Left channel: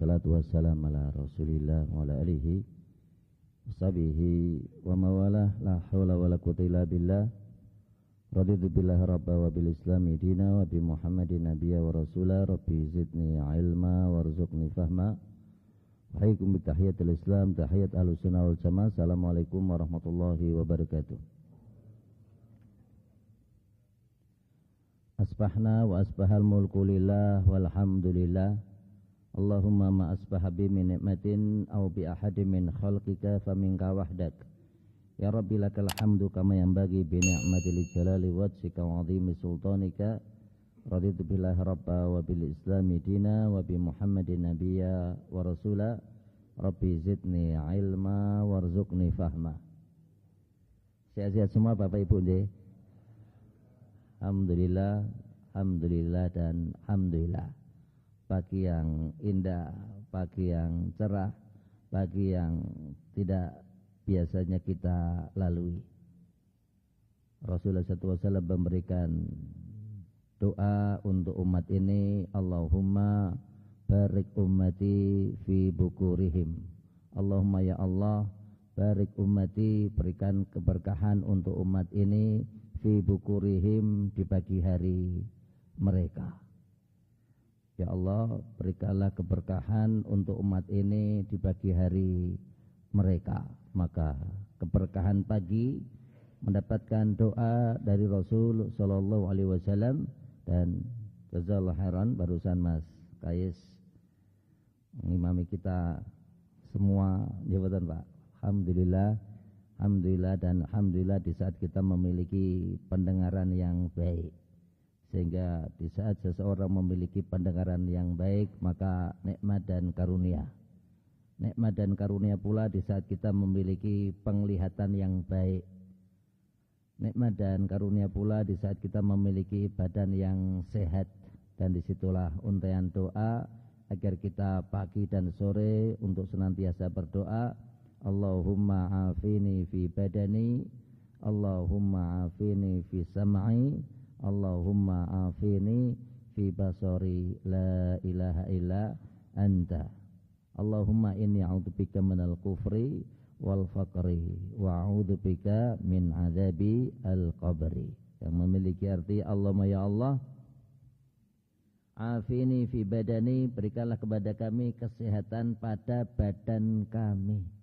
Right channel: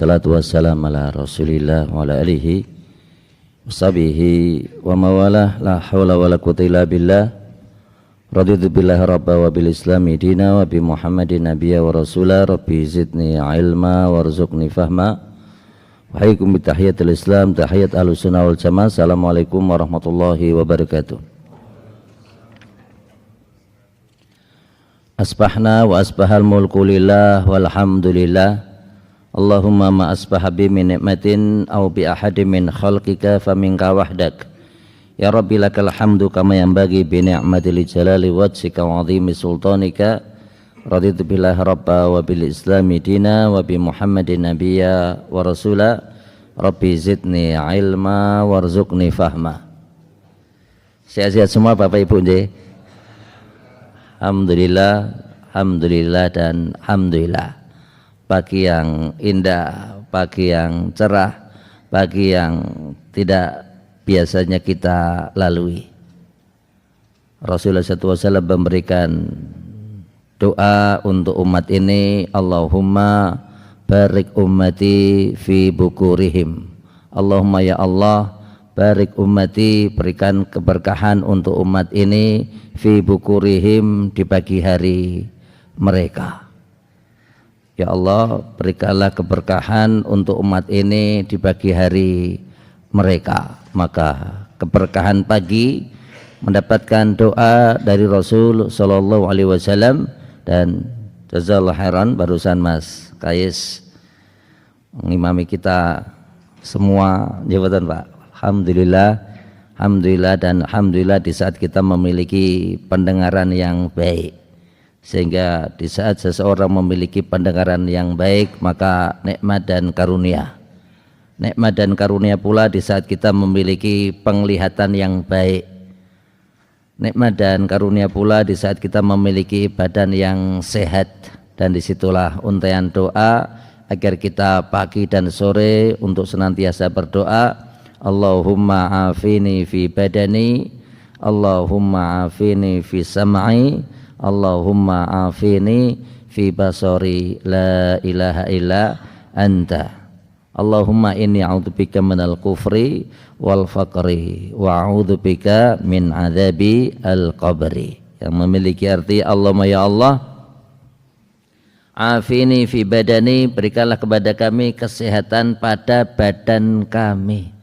wassalatu wassalamu ala rasulillah wa ala alihi washabihi wa mawalah la hawla wa la quwwata illa billah. Raditu billahi rabba wa bil islami dina wa bi muhammadin nabiyya wa rasula. Rabbi zidni ilma warzuqni fahma. Wahaikum bitahiyatul islam, tahiyat ahlus sunnah wal jamaah. Assalamualaikum warahmatullahi wabarakatuh. Asbahna wa asbahal mulku lillah walhamdulillah. Allahumma ma asbaha bi min ni'matin aw bi ahadin min khalqika faminka wahdak. Ya Rabbi lakal hamdu kama yanbaghi bi ni'matil jalali wajhika wa 'azimi sultanika. Raditu billahi rabba wa bil islami dina wa bi muhammadin nabiyya wa rasula. Rabbi zidni ilma warzuqni fahma. Sehat-sehat semua Bapak Ibu nggih. Alhamdulillah, alhamdulillah dan alhamdulillah. Pagi yang indah, pagi yang cerah, pagi yang tidak biasanya kita lalui. Rasulullah SAW memberikan doa untuk umat ini, Allahumma barik ummati fi bukurihim. Allahumma ya Allah, barik ummati, berikan keberkahan untuk umat ini fi bukurihim, di pagi hari mereka. Ya Allah, berikanlah keberkahan untuk umat ini di pagi hari mereka. Maka keberkahan pagi mendapatkan doa dari Rasul sallallahu alaihi wasallam. Dan jazakallahu khairan, barusan Mas Kais mengimami kita semua jabatan Pak. Alhamdulillah, alhamdulillah dan alhamdulillah di saat kita memiliki pendengaran yang baik. Sehingga di saat seseorang memiliki pendengaran yang baik, maka nikmat dan karunia. Nikmat dan karunia pula di saat kita memiliki penglihatan yang baik. Nikmat dan karunia pula di saat kita memiliki badan yang sehat. Dan disitulah untaian doa agar kita pagi dan sore untuk senantiasa berdoa, Allahumma afini fi badani, Allahumma afini fi sam'i, Allahumma afini fi basari, la ilaha illa anta. Allahumma inni a'udzubika minal kufri wal faqri wa a'udzubika min adzabi al-qabri, yang memiliki arti Allahumma ya Allah, afini fi badani, berikanlah kepada kami kesehatan pada badan kami,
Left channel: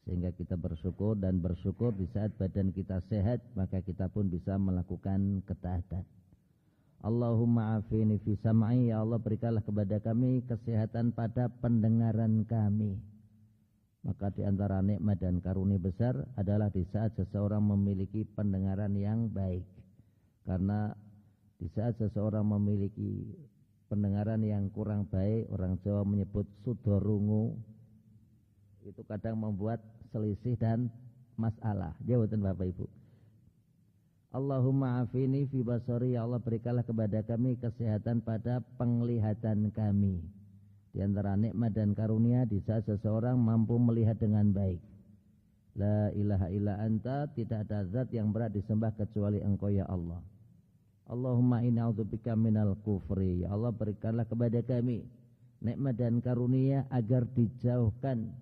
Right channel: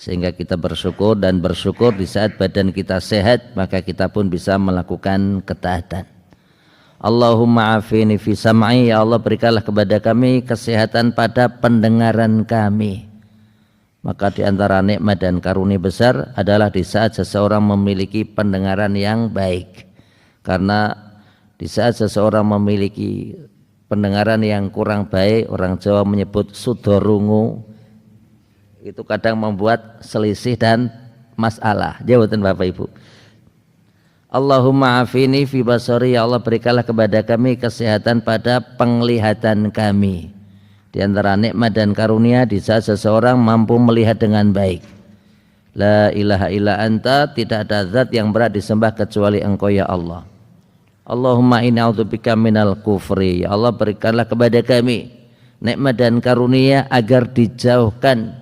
sehingga kita bersyukur, dan bersyukur di saat badan kita sehat maka kita pun bisa melakukan ketaatan. Allahumma afini fi sam'i, ya Allah berikanlah kepada kami kesehatan pada pendengaran kami. Maka di antara nikmat dan karunia besar adalah di saat seseorang memiliki pendengaran yang baik. Karena di saat seseorang memiliki pendengaran yang kurang baik, orang Jawa menyebut sudorungu, itu kadang membuat selisih dan masalah. Jawatan Bapak Ibu. Allahumma afini fi basari, ya Allah berikanlah kepada kami kesehatan pada penglihatan kami. Di antara nikmat dan karunia di saat seseorang mampu melihat dengan baik. La ilaha illa anta, tidak ada zat yang berat disembah kecuali Engkau ya Allah. Allahumma inni a'udzubika minal kufri, ya Allah berikanlah kepada kami nikmat dan karunia agar dijauhkan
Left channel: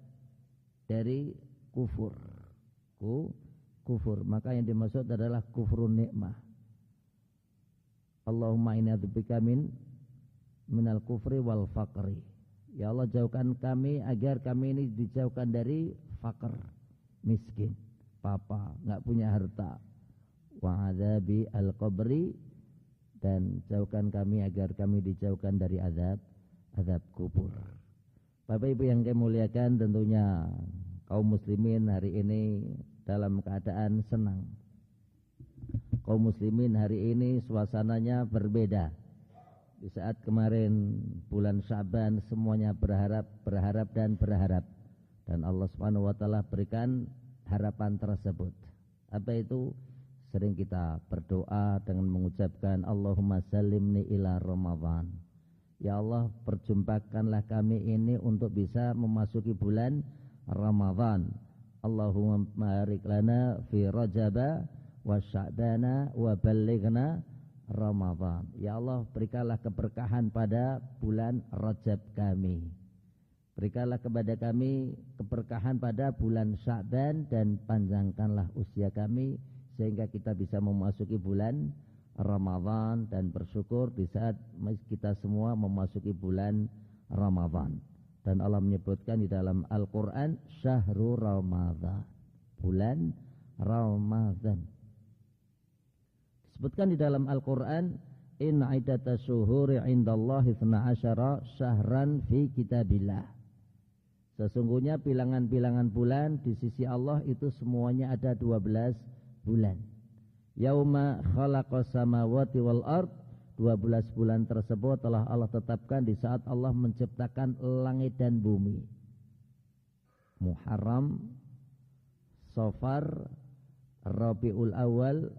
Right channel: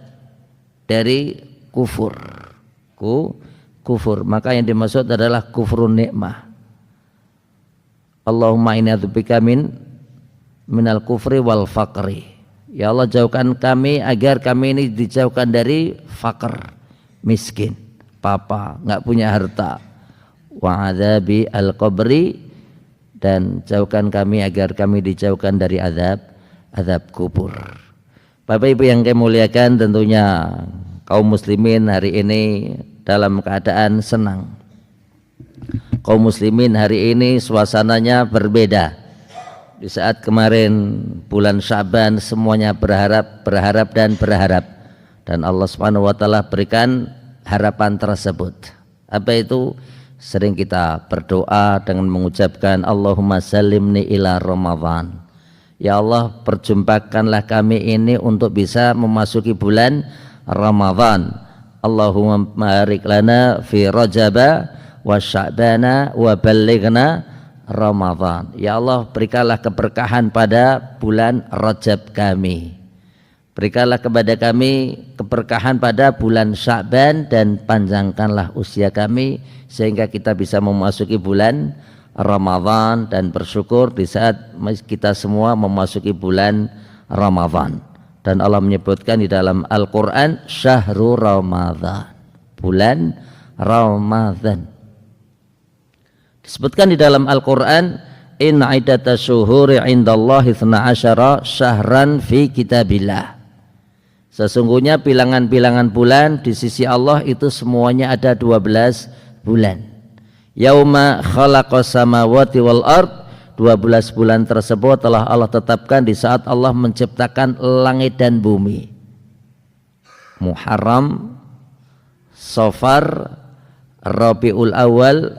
dari kufur. Kufur, maka yang dimaksud adalah kufrun nikmah. Allahumma inni a'udzubika minal kufri wal faqri, ya Allah jauhkan kami agar kami ini dijauhkan dari fakir, miskin, papa, enggak punya harta. Wa adzabi al-qabri, dan jauhkan kami agar kami dijauhkan dari azab kubur. Bapak Ibu yang kami muliakan, tentunya kaum muslimin hari ini dalam keadaan senang. Kaum muslimin hari ini suasananya berbeda. Di saat kemarin bulan Syaban semuanya berharap dan Allah Subhanahu wa taala berikan harapan tersebut. Apa itu? Sering kita berdoa dengan mengucapkan Allahumma salimni ila Ramadan. Ya Allah, perjumpakanlah kami ini untuk bisa memasuki bulan Ramadan. Allahumma barik lana fi Rajaba wa Sya'bana wa ballighna Ramadan. Ya Allah, berikanlah keberkahan pada bulan Rajab kami. Berikanlah kepada kami keberkahan pada bulan Sya'ban dan panjangkanlah usia kami sehingga kita bisa memasuki bulan Ramadan dan bersyukur di saat kita semua memasuki bulan Ramadan. Dan Allah menyebutkan di dalam Al-Quran Syahrul Ramadan, bulan Ramadan. Disebutkan di dalam Al-Quran Inna iddata syuhuri indallahi 12 syahran fi kitabillah. Sesungguhnya bilangan-bilangan bulan di sisi Allah itu semuanya ada 12 bulan. Yauma khalaqas samawati wal ard, 12 bulan tersebut telah Allah tetapkan di saat Allah menciptakan langit dan bumi. Muharram, Safar, Rabiul Awal,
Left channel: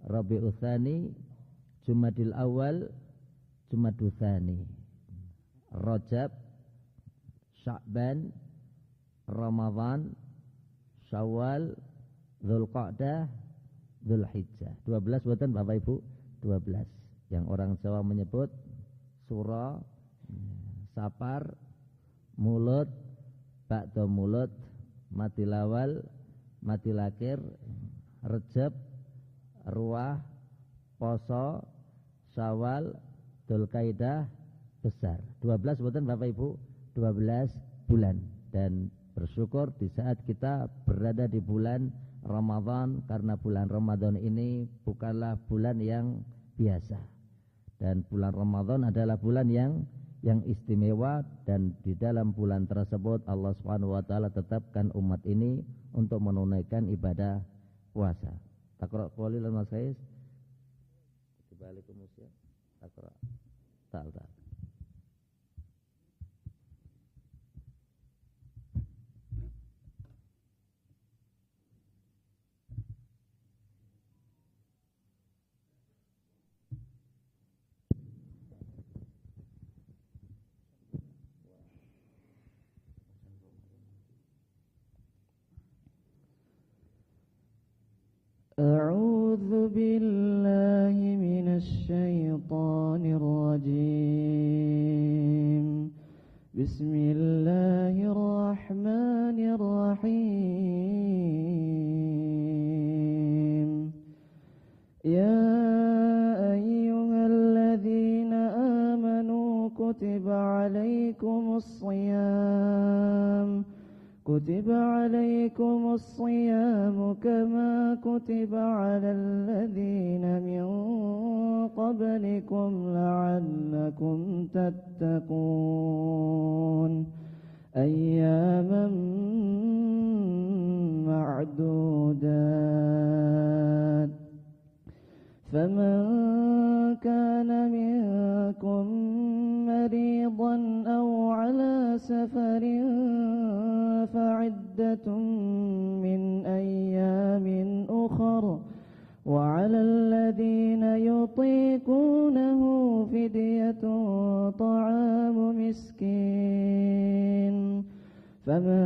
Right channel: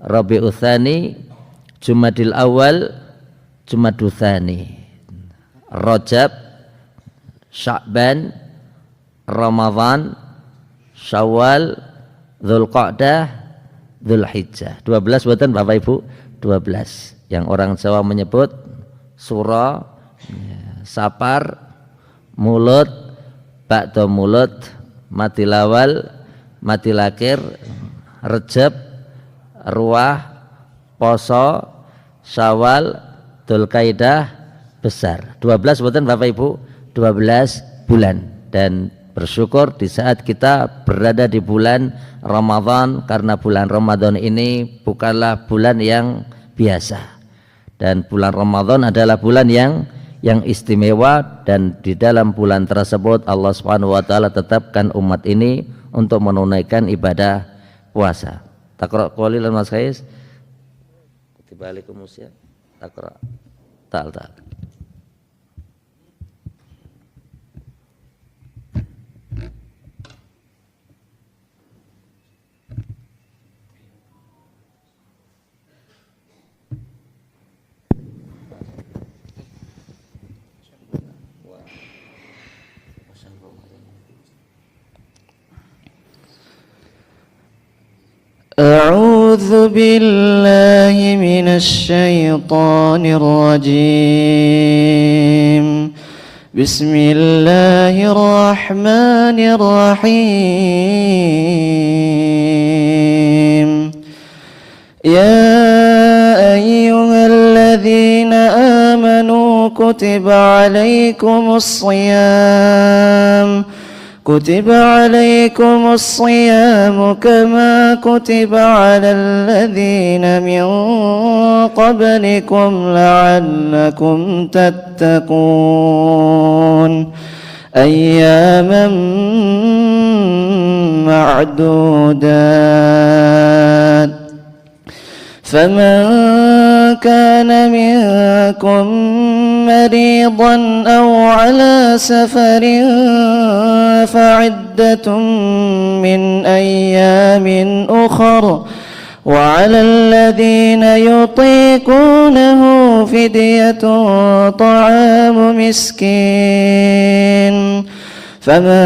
Rabiul Tsani, Jumadil Awal, Jumadul Tsani, Rajab, Sya'ban, Ramadan, Syawal, Dzulqa'dah, Dzulhijjah. 12 buatan Bapak Ibu, 12. Yang orang Jawa menyebut Sura, Sapar, Mulut, Ba'da Mulut, Matil Awal, Matil Akhir, Rejab, Ruah, Poso, Syawal, Dzulqa'dah, Besar. 12 buatan Bapak Ibu, 12 bulan. Dan bersyukur di saat kita berada di bulan Ramadan, karena bulan Ramadan ini bukanlah bulan yang biasa, dan bulan Ramadan adalah bulan yang istimewa, dan di dalam bulan tersebut Allah Subhanahu wa taala tetapkan umat ini untuk menunaikan ibadah puasa. Taqra qalilan Mas Khais tibalikum usia taqra ta'al. أعوذ بالله من الشيطان الرجيم بسم الله الرحمن الرحيم يا أيها الذين آمنوا كتب عليكم الصيام كما كتب على الذين من قبلكم لعلكم تتقون أياما معدودات فمن كان منكم مريضا أو على سفر فعدة من أيام أخر وعلى الذين يطيقونه فدية طعام مسكين فمن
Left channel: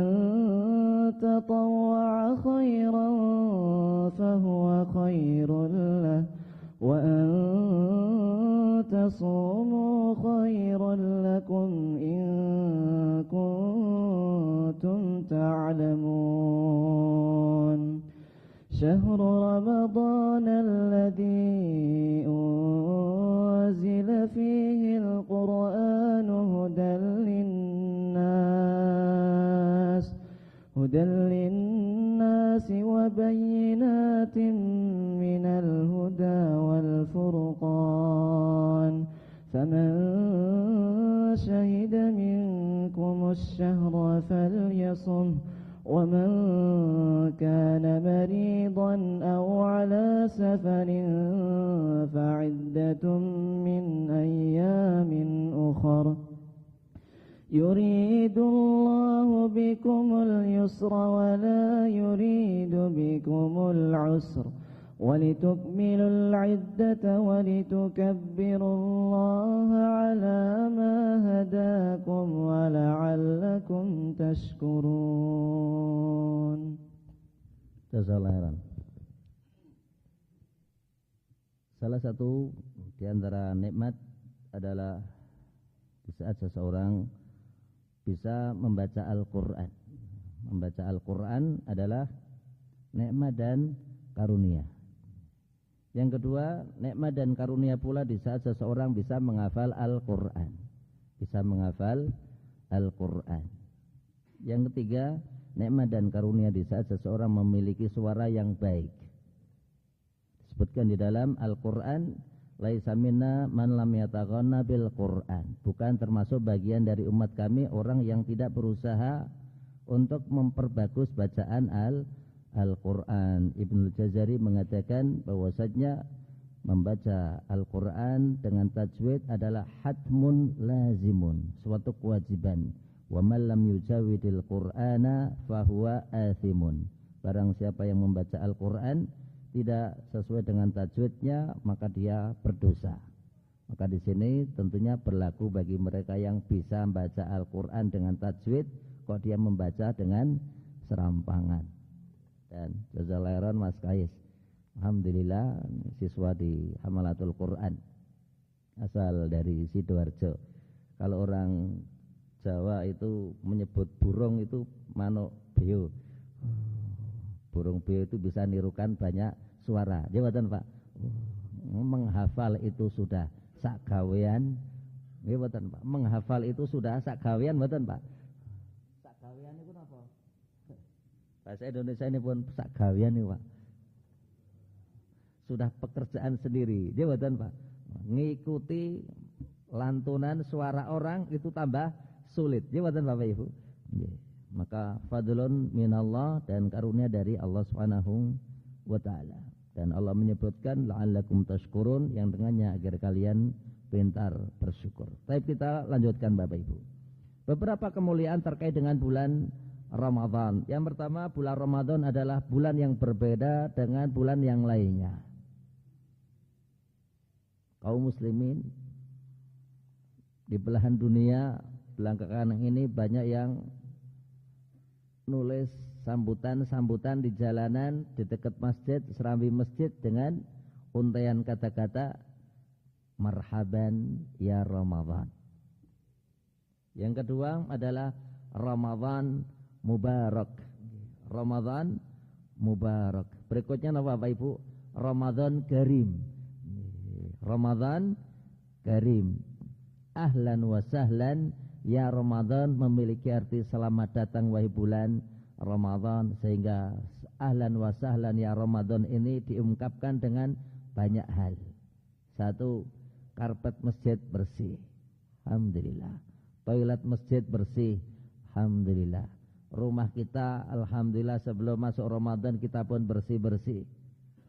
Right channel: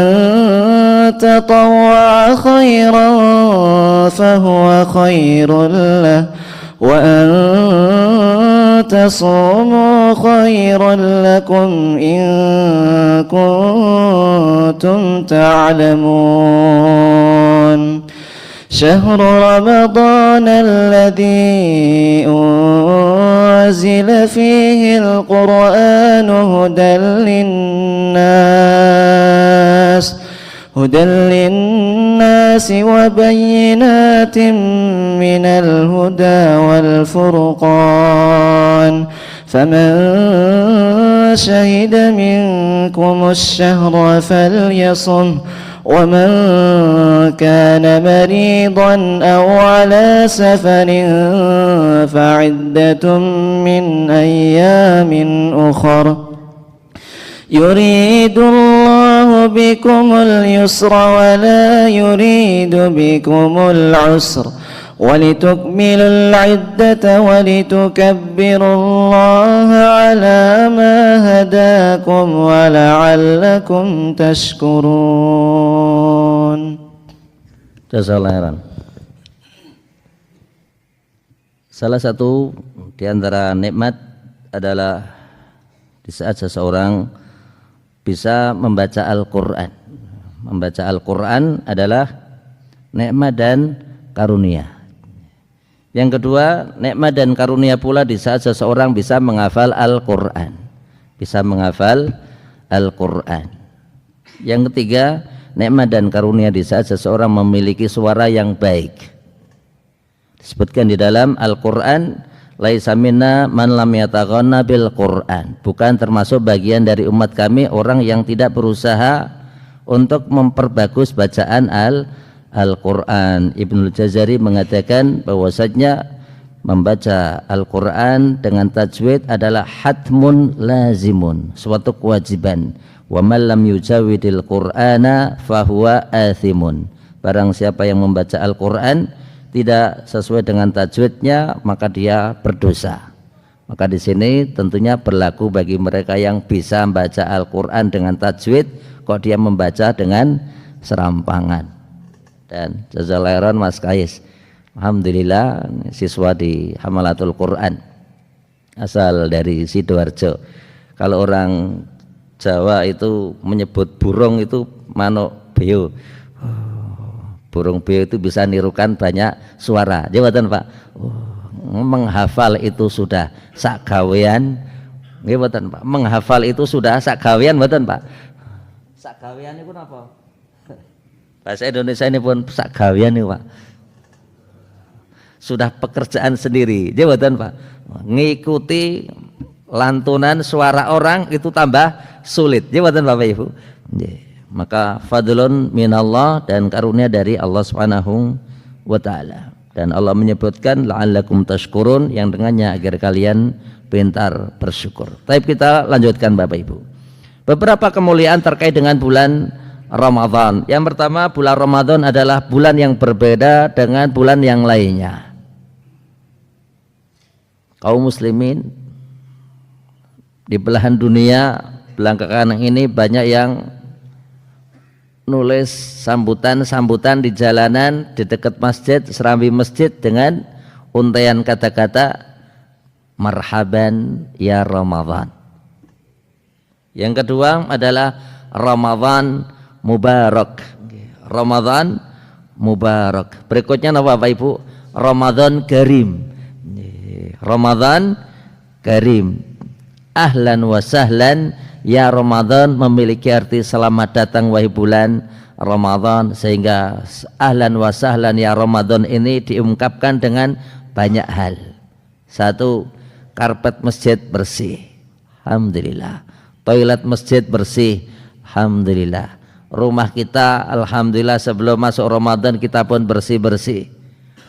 تطوع خيرا فهو خير له وأن تصوموا خيرا لكم إن كنتم تعلمون شهر رمضان الذي أنزل فيه القرآن هدى للناس وبينات من الهدى والفرقان فمن شهد منكم الشهر فليصم ومن كان مريضا أو على سفر فعدة من أيام أخر يريد الله بكم اليسر ولا يريد بكم العسر ولتكملوا العدة ولتكبروا الله على ما هداكم ولعلكم تشكرون. Jazakallahu khairan. Salah satu di antara nikmat adalah di saat seseorang bisa membaca Al-Quran. Membaca Al-Quran adalah nikmat dan karunia. Yang kedua, nikmat dan karunia pula di saat seseorang bisa menghafal Al-Quran. Bisa menghafal Al-Quran. Yang ketiga, nikmat dan karunia di saat seseorang memiliki suara yang baik. Disebutkan di dalam Al-Quran, laisa minna man lam yataghanna bil Quran. Bukan termasuk bagian dari umat kami orang yang tidak berusaha untuk memperbagus bacaan Al-Quran. Ibnul Jazari mengatakan bahwasanya membaca Al-Quran dengan tajwid adalah hatmun lazimun, suatu kewajiban. Wa man lam yujawidil Qur'ana fahuwa athimun. Barang siapa yang membaca Al-Quran tidak sesuai dengan tajwidnya, maka dia berdosa. Maka di sini tentunya berlaku bagi mereka yang bisa membaca Al-Quran dengan tajwid, kok dia membaca dengan serampangan. Dan jazakallahu Mas Kais, alhamdulillah siswa di Hamalatul Quran asal dari Sidoarjo. Kalau orang Jawa itu menyebut burung itu manuk beo. Burung beo itu bisa nirukan banyak suara. Jawatan Pak. Menghafal itu sudah sak gawean. Nggih mboten Pak. Menghafal itu sudah sak gawean mboten Pak. Sak gawean niku napa? Bahasa Indonesia ini pun sak gawean niku Pak. Sudah pekerjaan sendiri. Jawatan Pak. Ngikuti lantunan suara orang itu tambah sulit. Jawatan Bapak Ibu. Maka fadlun minallah, dan karunia dari Allah Subhanahu wa taala. Dan Allah menyebutkan la'allakum tashkurun, yang dengannya agar kalian pintar bersyukur. Tapi kita lanjutkan Bapak Ibu. Beberapa kemuliaan terkait dengan bulan Ramadan. Yang pertama, bulan Ramadan adalah bulan yang berbeda dengan bulan yang lainnya. Kaum muslimin di belahan dunia belakangan ini banyak yang nulis sambutan-sambutan di jalanan, di dekat masjid, serambi masjid dengan untaian kata-kata marhaban ya Ramadan. Yang kedua adalah Ramadan mubarak. Ramadan mubarak. Berikutnya apa Bapak Ibu? Ramadan karim. Ramadan karim. Ahlan wa sahlan ya Ramadan memiliki arti selamat datang wahai bulan Ramadan, sehingga ahlan wa sahlan ya Ramadan ini diungkapkan dengan banyak hal. Satu, karpet masjid bersih, alhamdulillah. Toilet masjid bersih, alhamdulillah. Rumah kita alhamdulillah sebelum masuk Ramadan kita pun bersih-bersih.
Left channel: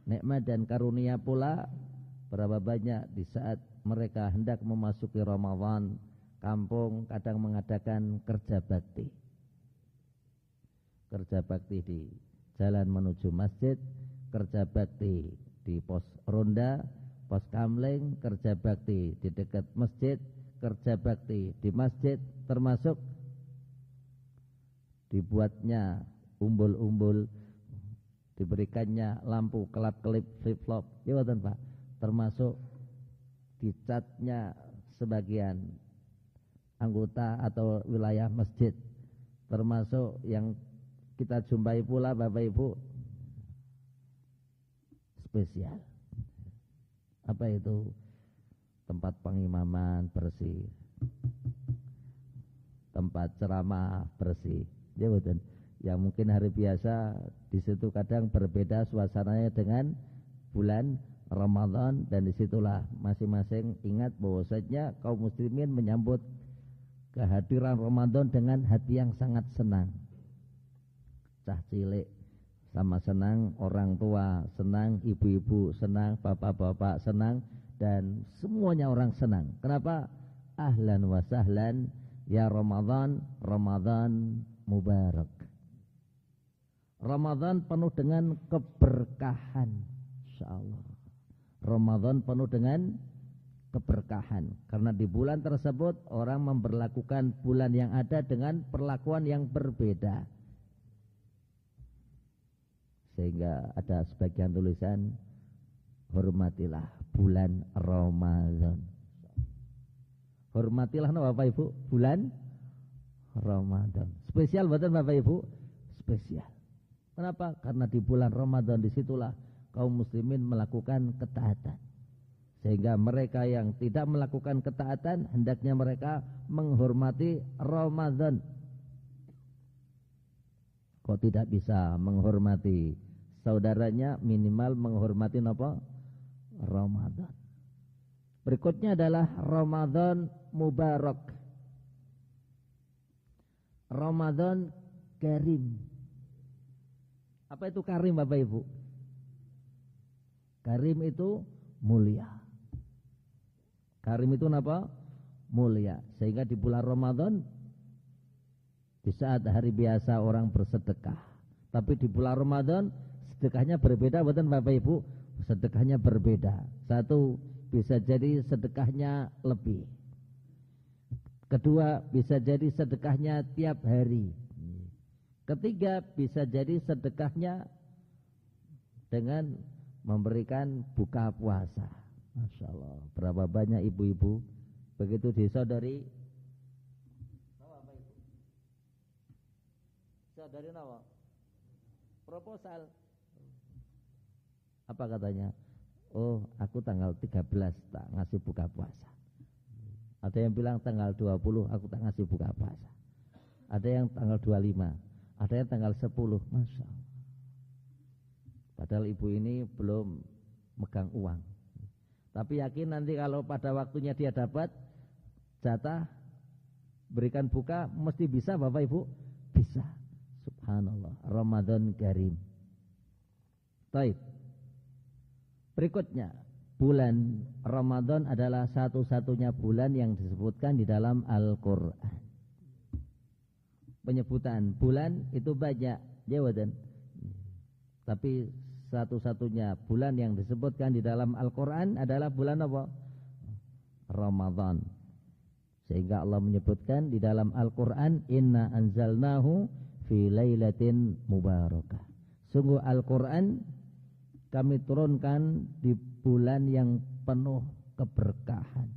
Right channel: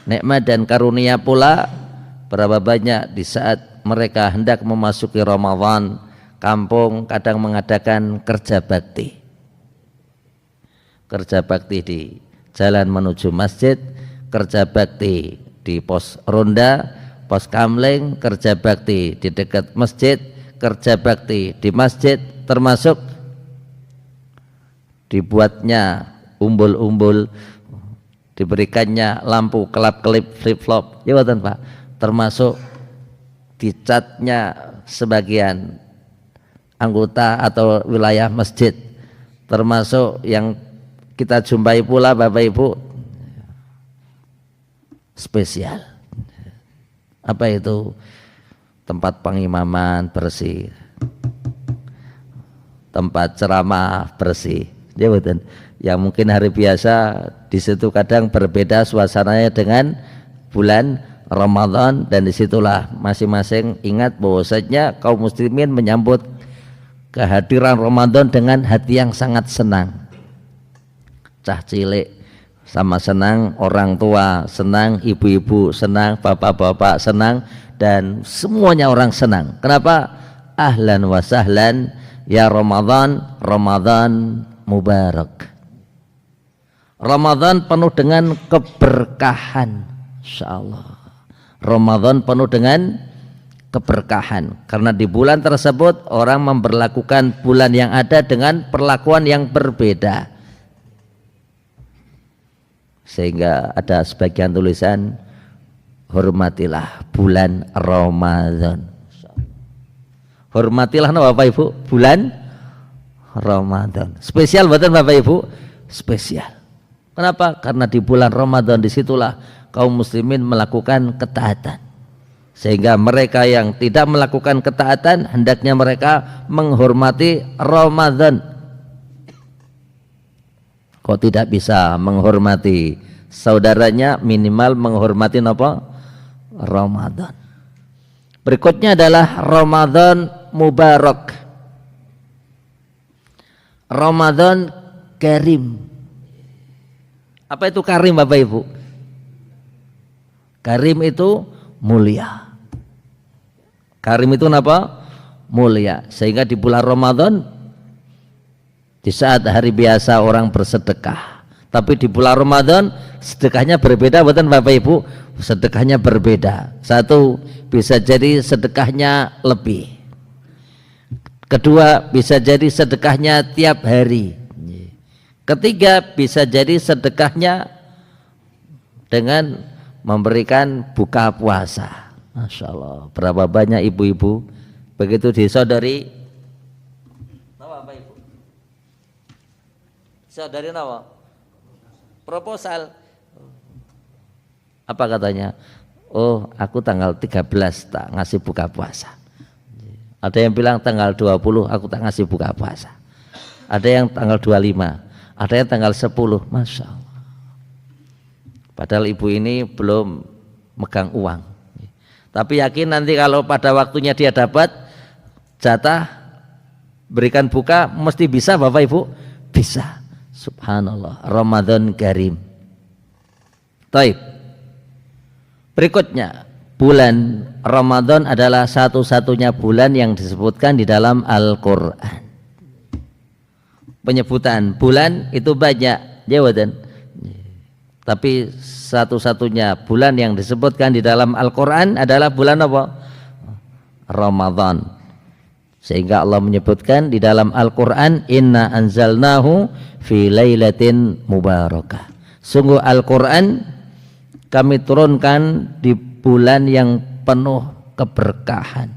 Nikmat dan karunia pula berapa banyak di saat mereka hendak memasuki Ramadan, kampung kadang mengadakan kerja bakti. Kerja bakti di jalan menuju masjid, kerja bakti di pos ronda, pos kamling, kerja bakti di dekat masjid, kerja bakti di masjid, termasuk dibuatnya umbul-umbul, diberikannya lampu kelap-kelip flip-flop, ya betul Pak, termasuk dicatnya sebagian anggota atau wilayah masjid, termasuk yang kita jumpai pula Bapak Ibu spesial. Apa itu? Tempat pengimaman bersih, tempat ceramah bersih, ya betul. Yang mungkin hari biasa di situ kadang berbeda suasananya dengan bulan Ramadan, dan disitulah masing-masing ingat bahwasanya kaum muslimin menyambut kehadiran Ramadan dengan hati yang sangat senang. Cah cilik sama senang, orang tua senang, ibu-ibu senang, bapak-bapak senang, dan semuanya orang senang. Kenapa? Ahlan wa sahlan ya Ramadan, Ramadan mubarak. Ramadan penuh dengan keberkahan, insyaallah. Ramadan penuh dengan keberkahan, karena di bulan tersebut orang memperlakukan bulan yang ada dengan perlakuan yang berbeda, sehingga ada sebagian tulisan hormatilah bulan Ramadan. Hormatilah Bapak Ibu bulan Ramadan. Spesial buatan Bapak Ibu? Spesial. Kenapa? Karena di bulan Ramadan disitulah kaum muslimin melakukan ketaatan. Sehingga mereka yang tidak melakukan ketaatan hendaknya mereka menghormati Ramadan. Kok tidak bisa menghormati saudaranya, minimal menghormati apa? Ramadan. Berikutnya adalah Ramadan Mubarak, Ramadan Karim. Apa itu karim Bapak Ibu? Karim itu mulia. Karim itu apa? Mulia. Sehingga di bulan Ramadan, di saat hari biasa orang bersedekah, tapi di bulan Ramadan sedekahnya berbeda, bukan Bapak Ibu? Sedekahnya berbeda. Satu, bisa jadi sedekahnya lebih. Kedua, bisa jadi sedekahnya tiap hari. Ketiga, bisa jadi sedekahnya dengan memberikan buka puasa. Masya Allah, berapa banyak ibu-ibu begitu disodari. Apa Ibu? Saudari apa? Proposal. Apa katanya? Oh, aku tanggal 13 tak ngasih buka puasa. Ada yang bilang tanggal 20 aku tak ngasih buka puasa. Ada yang tanggal 25. Ada yang tanggal 10, Masya Allah. Padahal ibu ini belum megang uang. Tapi yakin nanti kalau pada waktunya dia dapat jatah berikan buka, mesti bisa Bapak Ibu? Bisa. Subhanallah. Ramadan Karim. Taib. Berikutnya, bulan Ramadan adalah satu-satunya bulan yang disebutkan di dalam Al-Quran. Penyebutan bulan itu banyak, jawatan. Tapi satu-satunya bulan yang disebutkan di dalam Al-Quran adalah bulan apa? Ramadan. Sehingga Allah menyebutkan di dalam Al-Quran, Inna anzalnahu fi lailatin mubarakah. Sungguh Al-Quran kami turunkan di bulan yang penuh keberkahan.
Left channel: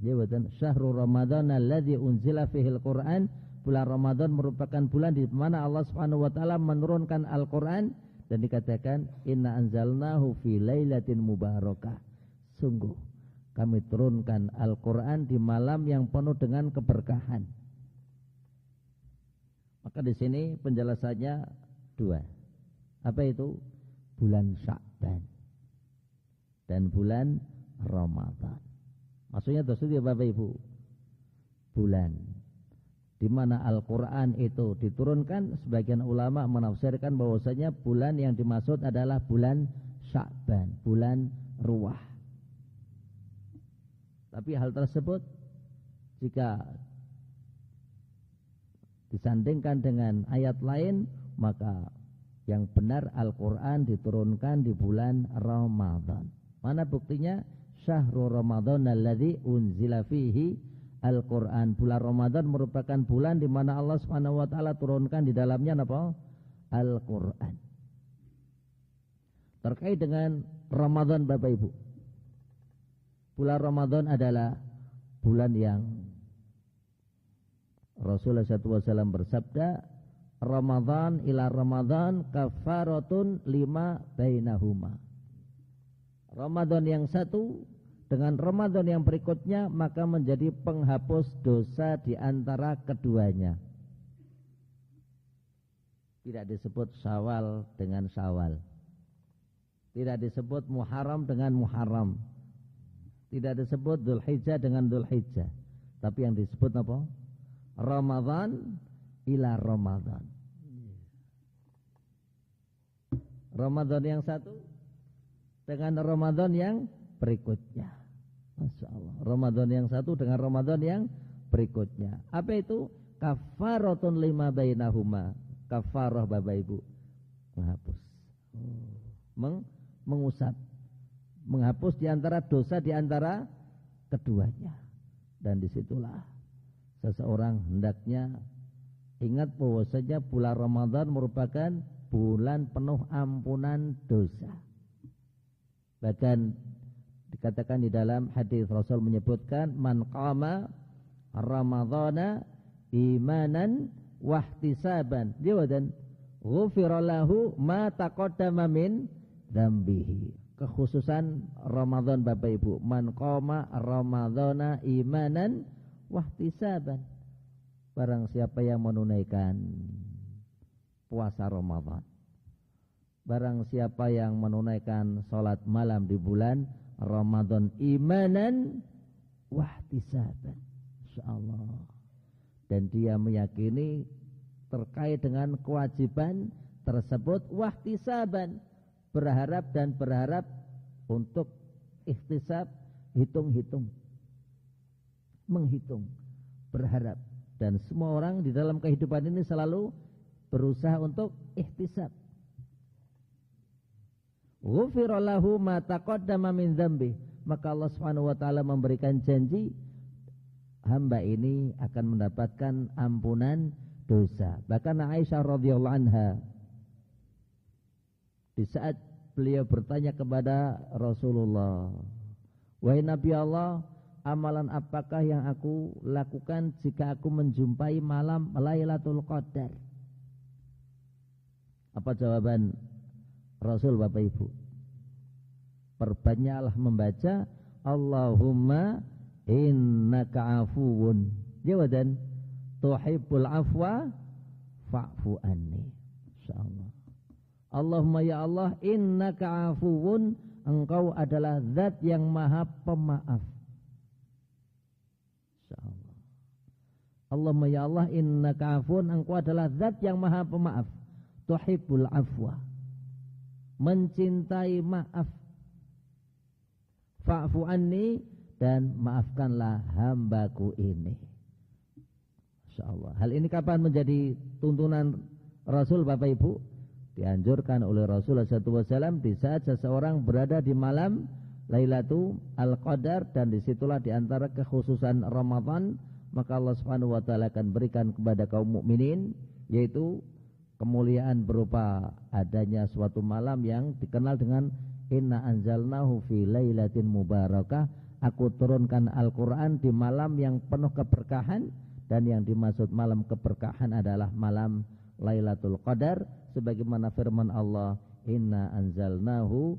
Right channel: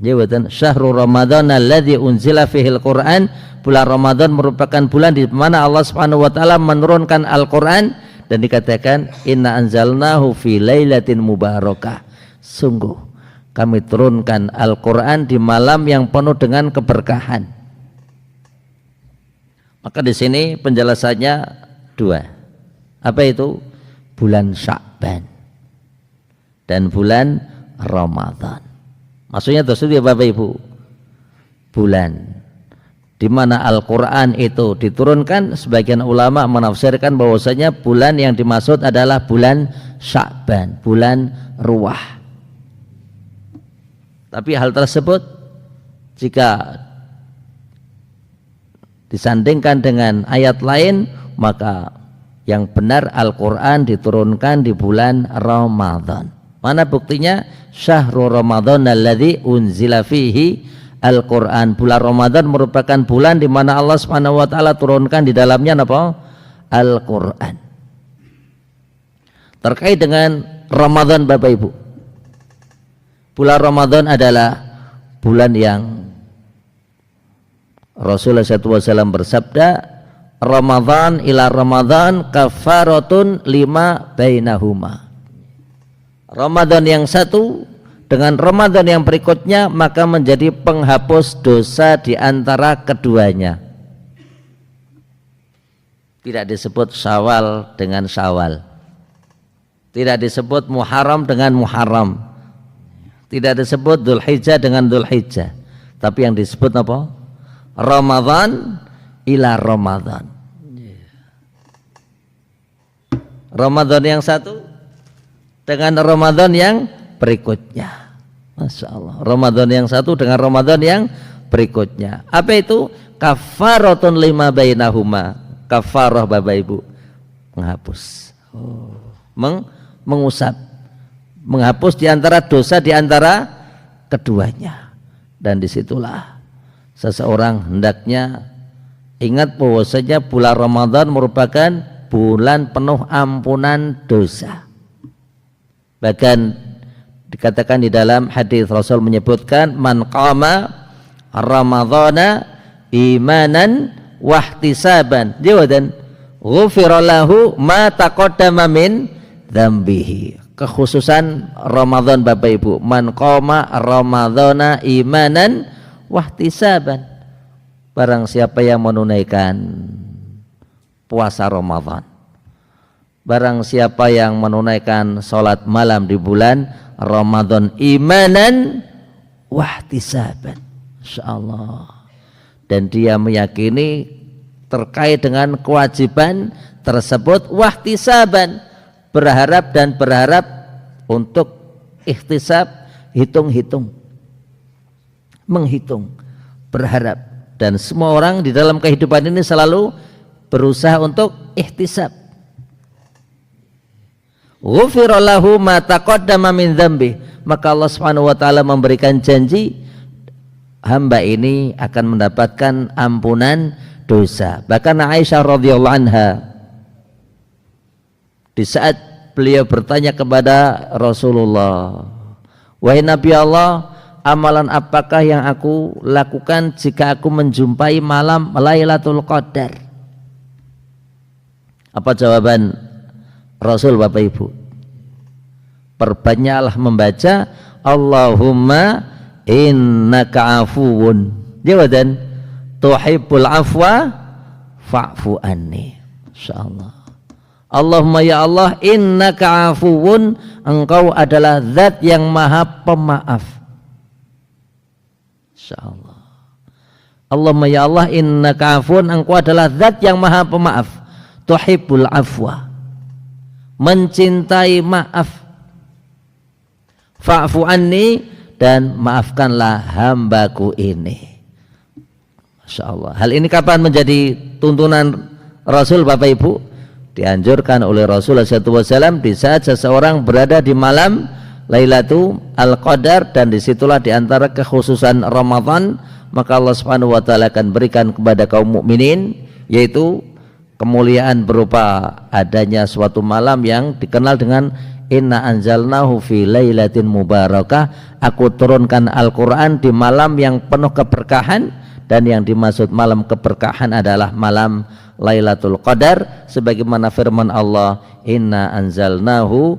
Jawatan, syahrul Ramadan alladzi unzila fihil Quran. Bulan Ramadan merupakan bulan di mana Allah Subhanahu wa taala menurunkan Al-Qur'an dan dikatakan inna anzalnahu fi lailatin mubarakah. Sungguh kami turunkan Al-Qur'an di malam yang penuh dengan keberkahan. Maka di sini penjelasannya dua. Apa itu? Bulan Sya'ban dan bulan Ramadan. Maksudnya tersebut ya Bapak Ibu, bulan di mana Al-Quran itu diturunkan. Sebagian ulama menafsirkan bahwasanya bulan yang dimaksud adalah bulan Sya'ban, bulan Ruwah. Tapi hal tersebut jika disandingkan dengan ayat lain, maka yang benar Al-Quran diturunkan di bulan Ramadan. Mana buktinya? Syahrul Ramadan alladzi unzila fihi Al-Quran. Bulan Ramadan merupakan bulan di mana Allah Subhanahu wa taala turunkan di dalamnya apa? Al-Quran. Terkait dengan Ramadan Bapak Ibu, bulan Ramadan adalah bulan yang Rasulullah SAW bersabda, Ramadan ila Ramadan kafaratun lima bainahuma. Ramadan yang satu dengan Ramadan yang berikutnya maka menjadi penghapus dosa di antara keduanya. Tidak disebut Syawal dengan Syawal, tidak disebut Muharram dengan Muharram, tidak disebut Dzulhijjah dengan Dzulhijjah, tapi yang disebut apa? Ramadan ila Ramadan. Ramadan yang satu dengan Ramadan yang berikutnya. Masya Allah. Ramadan yang satu dengan Ramadan yang berikutnya. Apa itu? Kafaratun lima bainahuma. Kafarah Bapak Ibu, menghapus, mengusap, menghapus di antara dosa di antara keduanya. Dan disitulah seseorang hendaknya ingat bahwasanya bulan Ramadan merupakan bulan penuh ampunan dosa. Bahkan dikatakan di dalam hadis Rasul menyebutkan man qama ramadhana imanan wahtisaban. Jawaban ghufira lahu ma taqaddama min dzambihi. Kekhususan Ramadan Bapak Ibu, man qama ramadhana imanan wahtisaban. Barang siapa yang menunaikan puasa Ramadan, barang siapa yang menunaikan salat malam di bulan Ramadan imanan wahtisaban, insyaallah, dan dia meyakini terkait dengan kewajiban tersebut, wahtisaban, berharap dan berharap untuk ihtisab, hitung-hitung, menghitung, berharap. Dan semua orang di dalam kehidupan ini selalu berusaha untuk ihtisab. Ghufira lahu ma taqaddama min dzambi. Maka Allah Subhanahu wa taala memberikan janji hamba ini akan mendapatkan ampunan dosa. Bahkan Aisyah radhiyallahu anha di saat beliau bertanya kepada Rasulullah, wahai Nabi Allah, amalan apakah yang aku lakukan jika aku menjumpai malam Lailatul Qadar? Apa jawaban Rasul Bapak Ibu? Perbanyaklah membaca Allahumma innaka afuwun, jawaban tuhibbul afwa fa'fu anni. Insyaallah. Allahumma ya Allah innaka afuwun, engkau adalah zat yang maha pemaaf. Insyaallah. Allahumma ya Allah innaka afuwun, engkau adalah zat yang maha pemaaf. Tuhibbul afwa, mencintai maaf. Fa'fu anni, dan maafkanlah hambaku ini. Masya Allah. Hal ini kapan menjadi tuntunan Rasul Bapak Ibu? Dianjurkan oleh Rasulullah SAW di saat seseorang berada di malam Lailatul Qadar, dan disitulah diantara kekhususan Ramadan, maka Allah Subhanahu wa taala akan berikan kepada kaum mukminin yaitu kemuliaan berupa adanya suatu malam yang dikenal dengan inna anzalnahu fi lailatin mubarakah, aku turunkan Al-Quran di malam yang penuh keberkahan, dan yang dimaksud malam keberkahan adalah malam Lailatul Qadar, sebagaimana firman Allah inna anzalnahu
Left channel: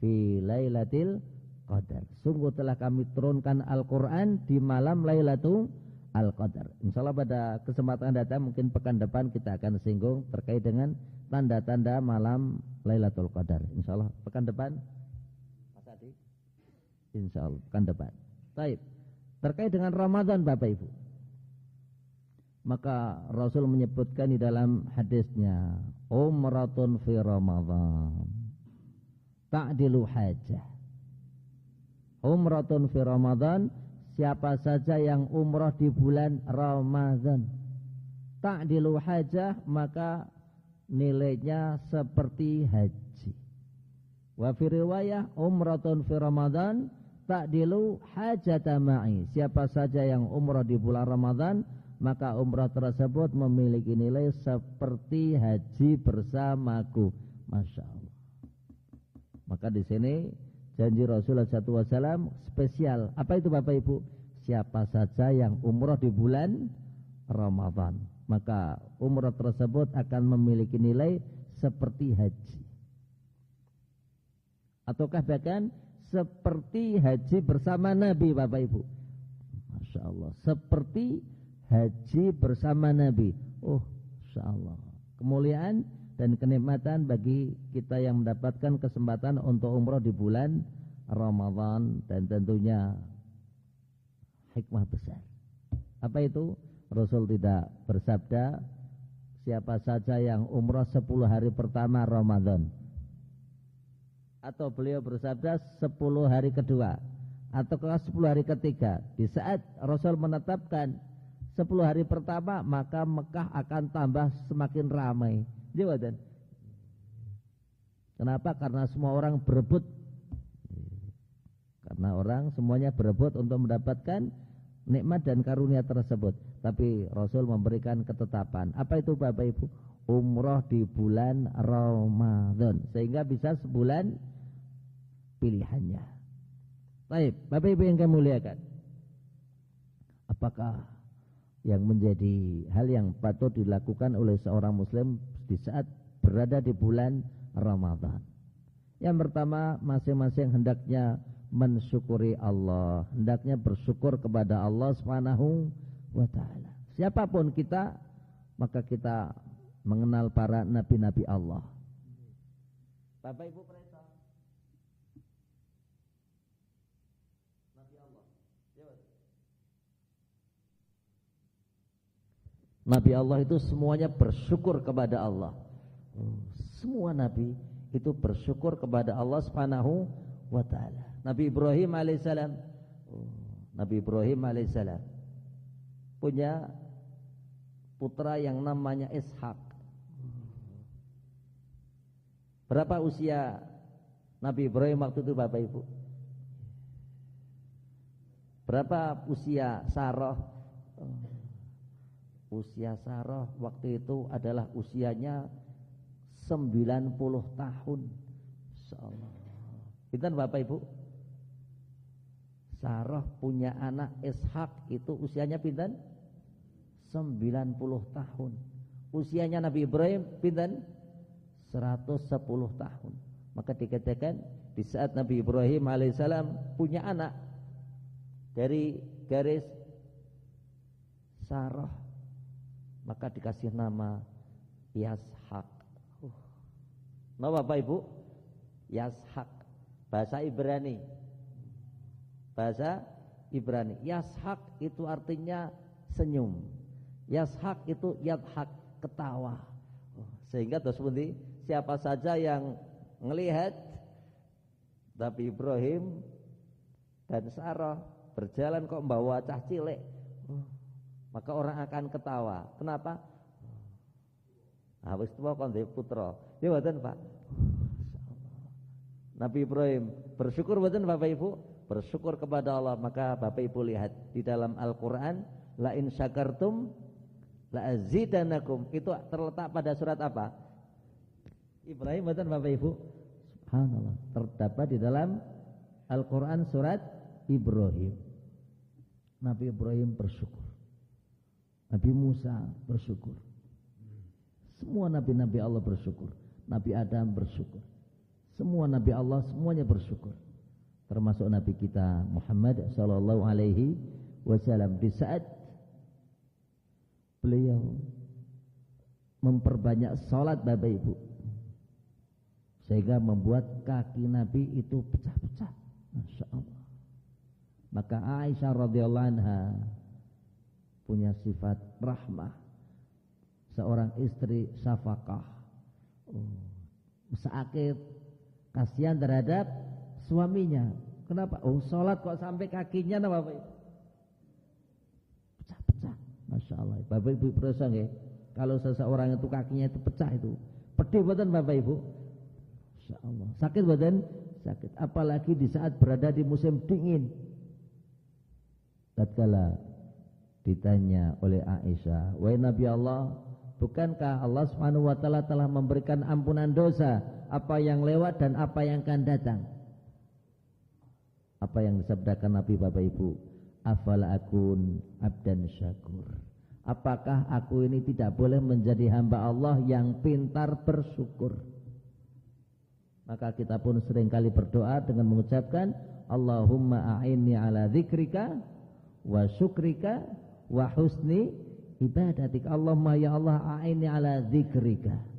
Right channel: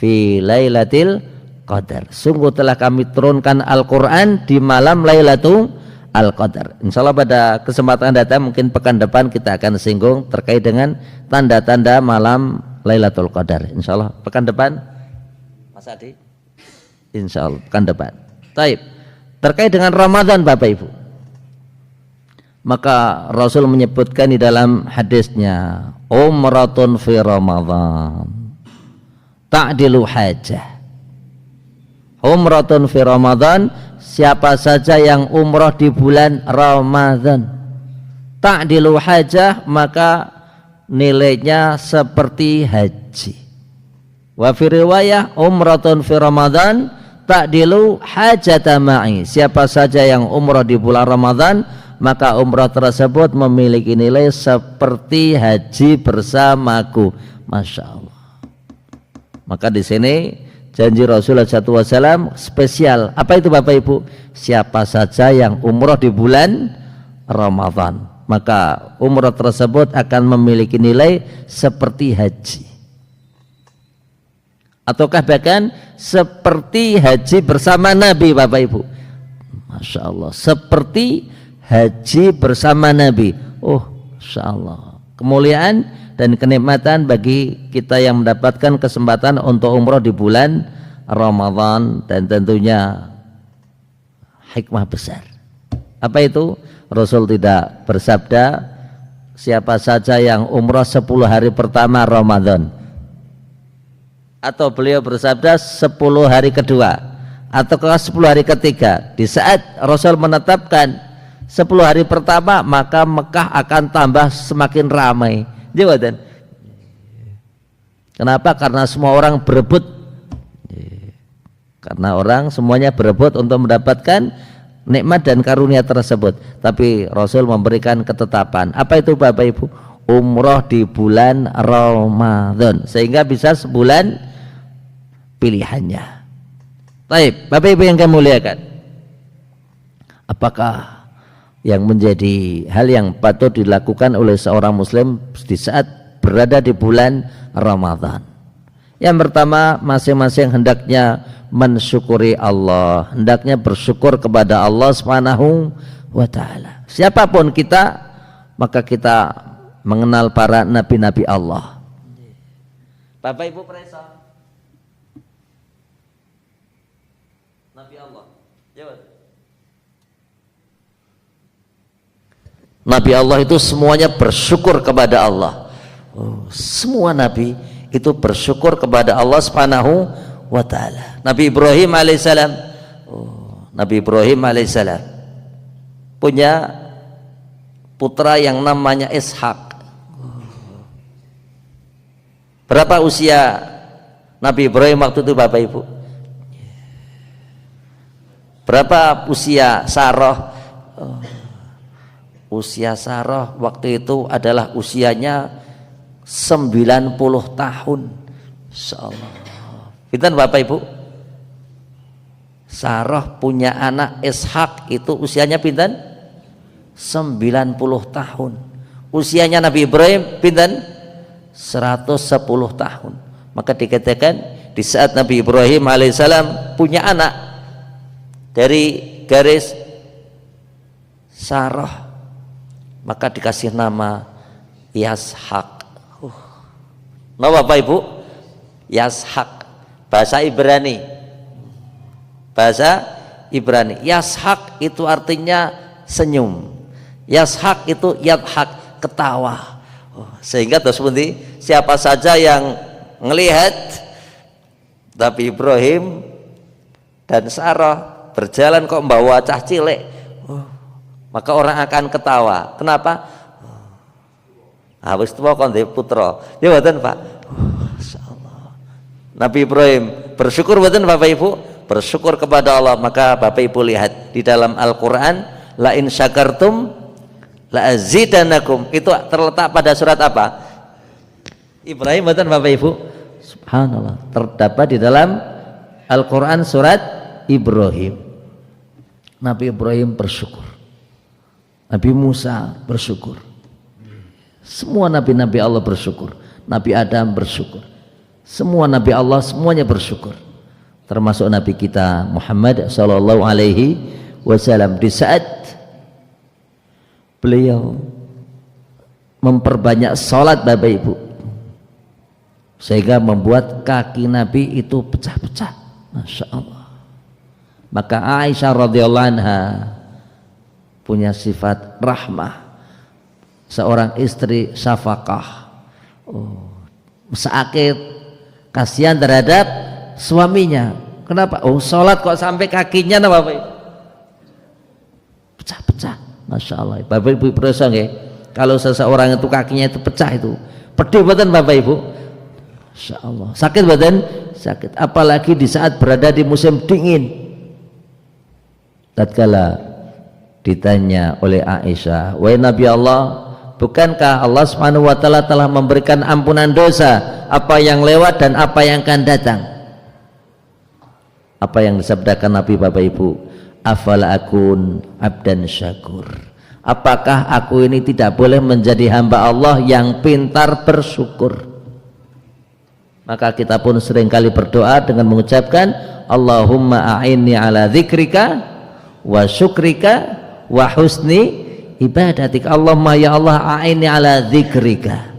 fi lailatil qadar, sungguh telah kami turunkan Al-Quran di malam Lailatul Qadar. Insyaallah pada kesempatan datang, mungkin pekan depan, kita akan singgung terkait dengan tanda-tanda malam Lailatul Qadar. Insyaallah pekan depan, Mas Adi. Insyaallah pekan depan. Taib. Terkait dengan Ramadan Bapak Ibu, maka Rasul menyebutkan di dalam hadisnya, umratun fi Ramadan ta'dilu hajah. Umratun fi Ramadan, siapa saja yang umrah di bulan Ramadan, ta'dilu hajah, maka nilainya seperti haji. Wa fi riwayah umratun fi Ramadan ta'dilu hajata ma'i, siapa saja yang umrah di bulan Ramadan, maka umrah tersebut memiliki nilai seperti haji bersamaku. Masya Allah. Maka di sini janji Rasulullah SAW spesial. Apa itu Bapak Ibu? Siapa saja yang umrah di bulan Ramadan, maka umrah tersebut akan memiliki nilai seperti haji, ataukah bahkan seperti haji bersama Nabi Bapak Ibu. Masya Allah, seperti haji bersama Nabi. Oh, Masya Allah, kemuliaan dan kenikmatan bagi kita yang mendapatkan kesempatan untuk umrah di bulan Ramadan, dan tentunya hikmah besar. Apa itu? Rasul tidak bersabda siapa saja yang umrah 10 hari pertama Ramadan, atau beliau bersabda 10 hari kedua, atau 10 hari ketiga. Di saat Rasul menetapkan 10 hari pertama, maka Mekah akan tambah semakin ramai. Jawaban. Kenapa? Karena semua orang berebut. Karena orang semuanya berebut untuk mendapatkan nikmat dan karunia tersebut. Tapi Rasul memberikan ketetapan. Apa itu Bapak Ibu? Umroh di bulan Ramadan, sehingga bisa sebulan pilihannya. Baik, Bapak Ibu yang kami muliakan, apakah yang menjadi hal yang patut dilakukan oleh seorang muslim di saat berada di bulan Ramadan. Yang pertama, masing-masing hendaknya mensyukuri Allah, hendaknya bersyukur kepada Allah Subhanahu wa taala. Siapapun kita, maka kita mengenal para nabi-nabi Allah. Bapak Ibu peresa Nabi Allah. Jawab. Nabi Allah itu semuanya bersyukur kepada Allah. Semua nabi itu bersyukur kepada Allah Subhanahu wa taala. Nabi Ibrahim alaihissalam, Nabi Ibrahim alaihissalam punya putra yang namanya Ishak. Berapa usia Nabi Ibrahim waktu itu Bapak Ibu? Berapa usia Sarah? Usia Sarah waktu itu adalah usianya 90 tahun. Insyaallah. Pinten Bapak Ibu? Sarah punya anak Ishak itu usianya pinten? 90 tahun. Usianya Nabi Ibrahim pinten? 110 tahun. Maka dikatakan di saat Nabi Ibrahim alaihissalam punya anak dari garis Sarah, maka dikasih nama Yashak. Nama Bapak Ibu? Yashak, bahasa Ibrani. Bahasa Ibrani. Yashak itu artinya senyum. Yashak itu yadhak, ketawa. Sehingga terus pundi, siapa saja yang melihat Nabi Ibrahim dan Sarah berjalan kok membawa cah cilik, maka orang akan ketawa. Kenapa? Habis tua kon putra. Ya mboten Pak. Masyaallah. Nabi Ibrahim bersyukur mboten Bapak Ibu? Bersyukur kepada Allah. Maka Bapak Ibu lihat di dalam Al-Qur'an, la in syakartum la azidanakum, itu terletak pada surat apa? Ibrahim mboten Bapak Ibu? Subhanallah, terdapat di dalam Al-Qur'an surat Ibrahim. Nabi Ibrahim bersyukur. Nabi Musa bersyukur. Semua nabi-nabi Allah bersyukur. Nabi Adam bersyukur. Semua nabi Allah semuanya bersyukur. Termasuk Nabi kita Muhammad sallallahu alaihi wasallam di saat beliau memperbanyak salat Bapak Ibu, sehingga membuat kaki Nabi itu pecah-pecah. Masya Allah. Maka Aisyah radhiyallahu anha punya sifat rahmah, seorang istri syafaqah, sakit, kasihan terhadap suaminya. Kenapa? Sholat kok sampai kakinya Bapak Ibu pecah-pecah. Masya Allah. Bapak Ibu perasa nggih, kalau seseorang itu kakinya itu pecah itu pedih badan Bapak Ibu. Masya Allah. Sakit badan? Sakit. Apalagi di saat berada di musim dingin. Tatkala ditanya oleh Aisyah, wahai Nabi Allah, bukankah Allah Subhanahu wa taala telah memberikan ampunan dosa apa yang lewat dan apa yang akan datang? Apa yang disabdakan Nabi Bapak Ibu? Afala akun abdan syakur. Apakah aku ini tidak boleh menjadi hamba Allah yang pintar bersyukur? Maka kita pun seringkali berdoa dengan mengucapkan Allahumma a'inni ala dzikrika wa syukrika wa husni ibadatik. Allahumma ya Allah a'inni ala dzikrika.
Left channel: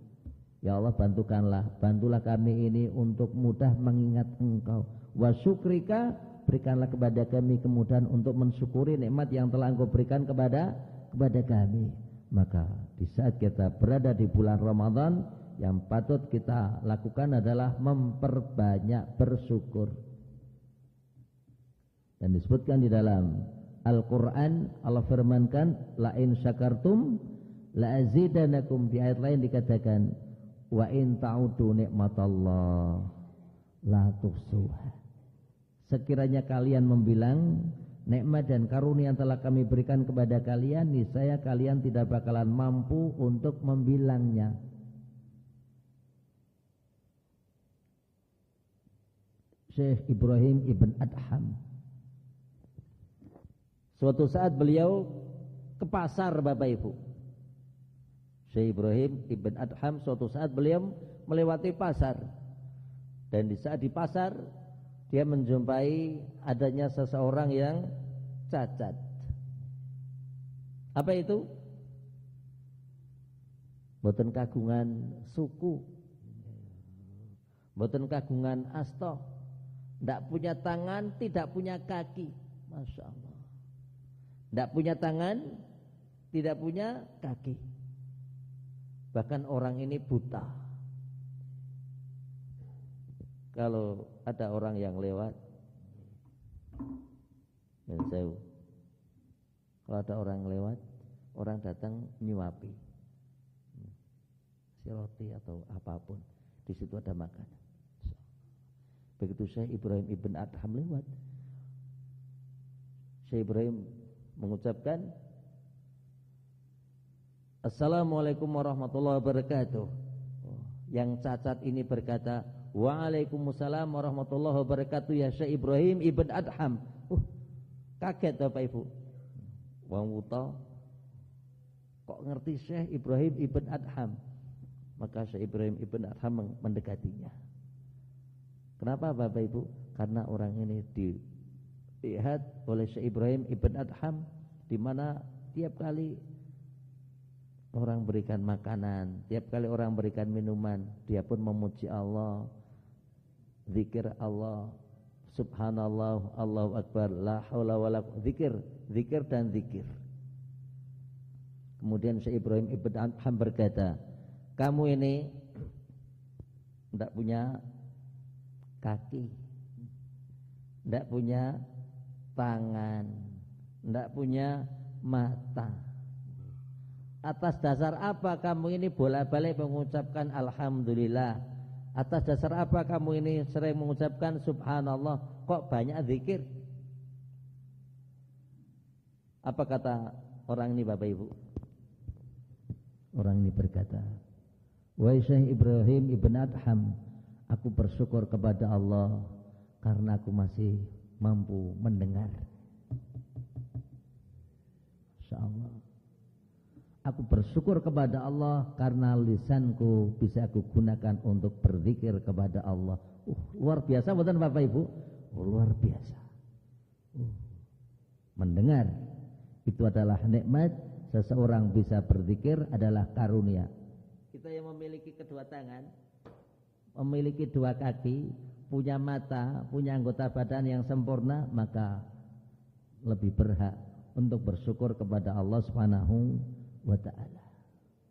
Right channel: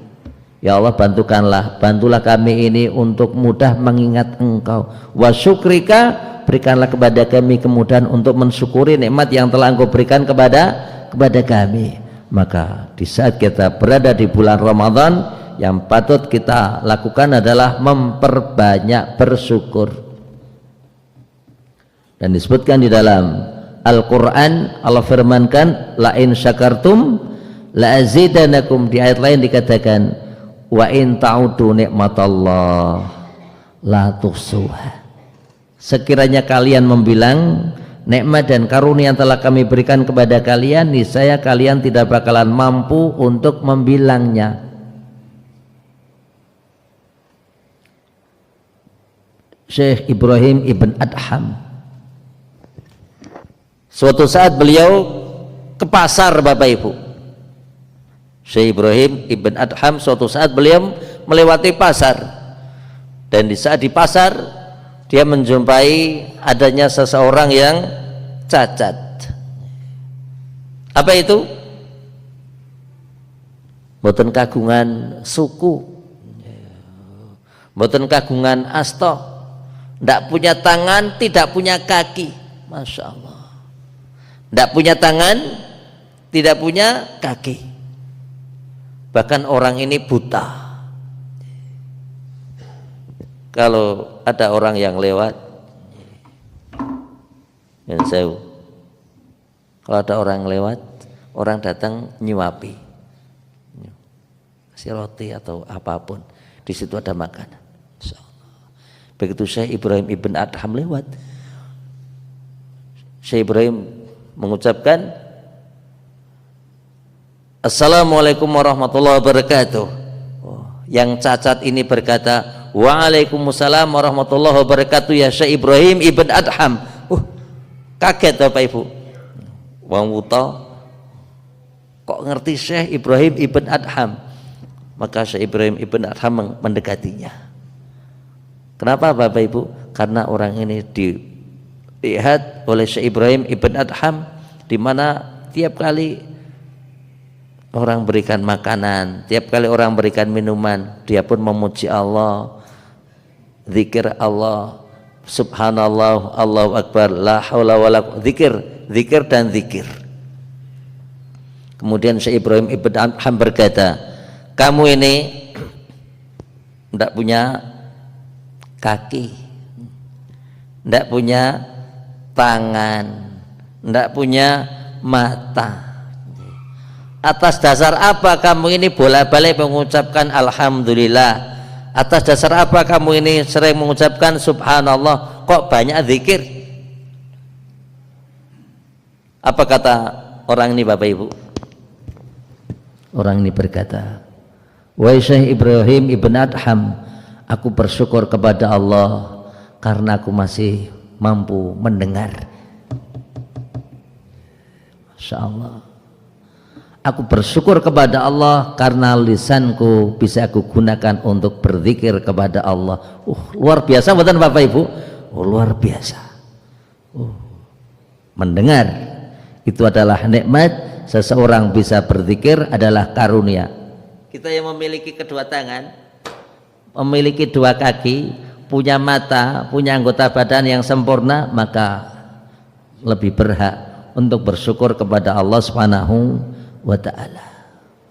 Ya Allah bantulah kami ini untuk mudah mengingat Engkau. Wa syukrika, berikanlah kepada kami kemudahan untuk mensyukuri nikmat yang telah Engkau berikan kepada kami. Maka di saat kita berada di bulan Ramadan, yang patut kita lakukan adalah memperbanyak bersyukur. Dan disebutkan di dalam Al-Quran, Allah firmankan la in syakartum la azidanakum. Di ayat lain dikatakan wa in ta'udu nikmatallah la tuhsuha. Sekiranya kalian membilang nikmat dan karunia yang telah kami berikan kepada kalian, niscaya kalian tidak bakalan mampu untuk membilangnya. Syekh Ibrahim Ibn Adham, suatu saat beliau ke pasar Bapak Ibu. Syekh Ibrahim Ibn Adham suatu saat beliau melewati pasar, dan di saat di pasar dia menjumpai adanya seseorang yang cacat. Apa itu? Mboten kagungan suku, mboten kagungan asta, tidak punya tangan, tidak punya kaki. Masya Allah, tidak punya tangan, tidak punya kaki, bahkan orang ini buta. Kalau ada orang yang lewat, yang sewu, kalau ada orang lewat, orang datang nyuapi, kasih roti atau apapun, di situ ada makanan. Begitu Syekh Ibrahim Ibn Adham lewat, Syekh Ibrahim mengucapkan Assalamualaikum warahmatullahi wabarakatuh. Yang cacat ini berkata Waalaikumsalam warahmatullahi wabarakatuh ya Syekh Ibrahim Ibn Adham. Kaget Bapak Ibu, wong wuta kok ngerti Syekh Ibrahim Ibn Adham. Maka Syekh Ibrahim Ibn Adham mendekatinya. Kenapa Bapak Ibu? Karena orang ini dilihat oleh Syekh Ibrahim Ibn Adham, di mana tiap kali orang berikan makanan, tiap kali orang berikan minuman, dia pun memuji Allah, zikir Allah, subhanallah, Allahu akbar, la haula wala zikir, zikir dan zikir. Kemudian Syekh Ibrahim Ibn Adham berkata, kamu ini tidak punya kaki, tidak punya tangan, tidak punya mata. Atas dasar apa kamu ini bolak-balik mengucapkan alhamdulillah? Atas dasar apa kamu ini sering mengucapkan subhanallah? Kok banyak zikir? Apa kata orang ini Bapak Ibu? Orang ini berkata, wahai Syekh Ibrahim Ibn Adham, aku bersyukur kepada Allah karena aku masih mampu mendengar. Masya Allah. Aku bersyukur kepada Allah karena lisanku bisa aku gunakan untuk berzikir kepada Allah. Luar biasa bukan Bapak Ibu? Luar biasa. Mendengar itu adalah nikmat. Seseorang bisa berzikir adalah karunia. Kita yang memiliki kedua tangan, memiliki dua kaki, punya mata, punya anggota badan yang sempurna, maka lebih berhak untuk bersyukur kepada Allah Subhanahu wa ta'ala.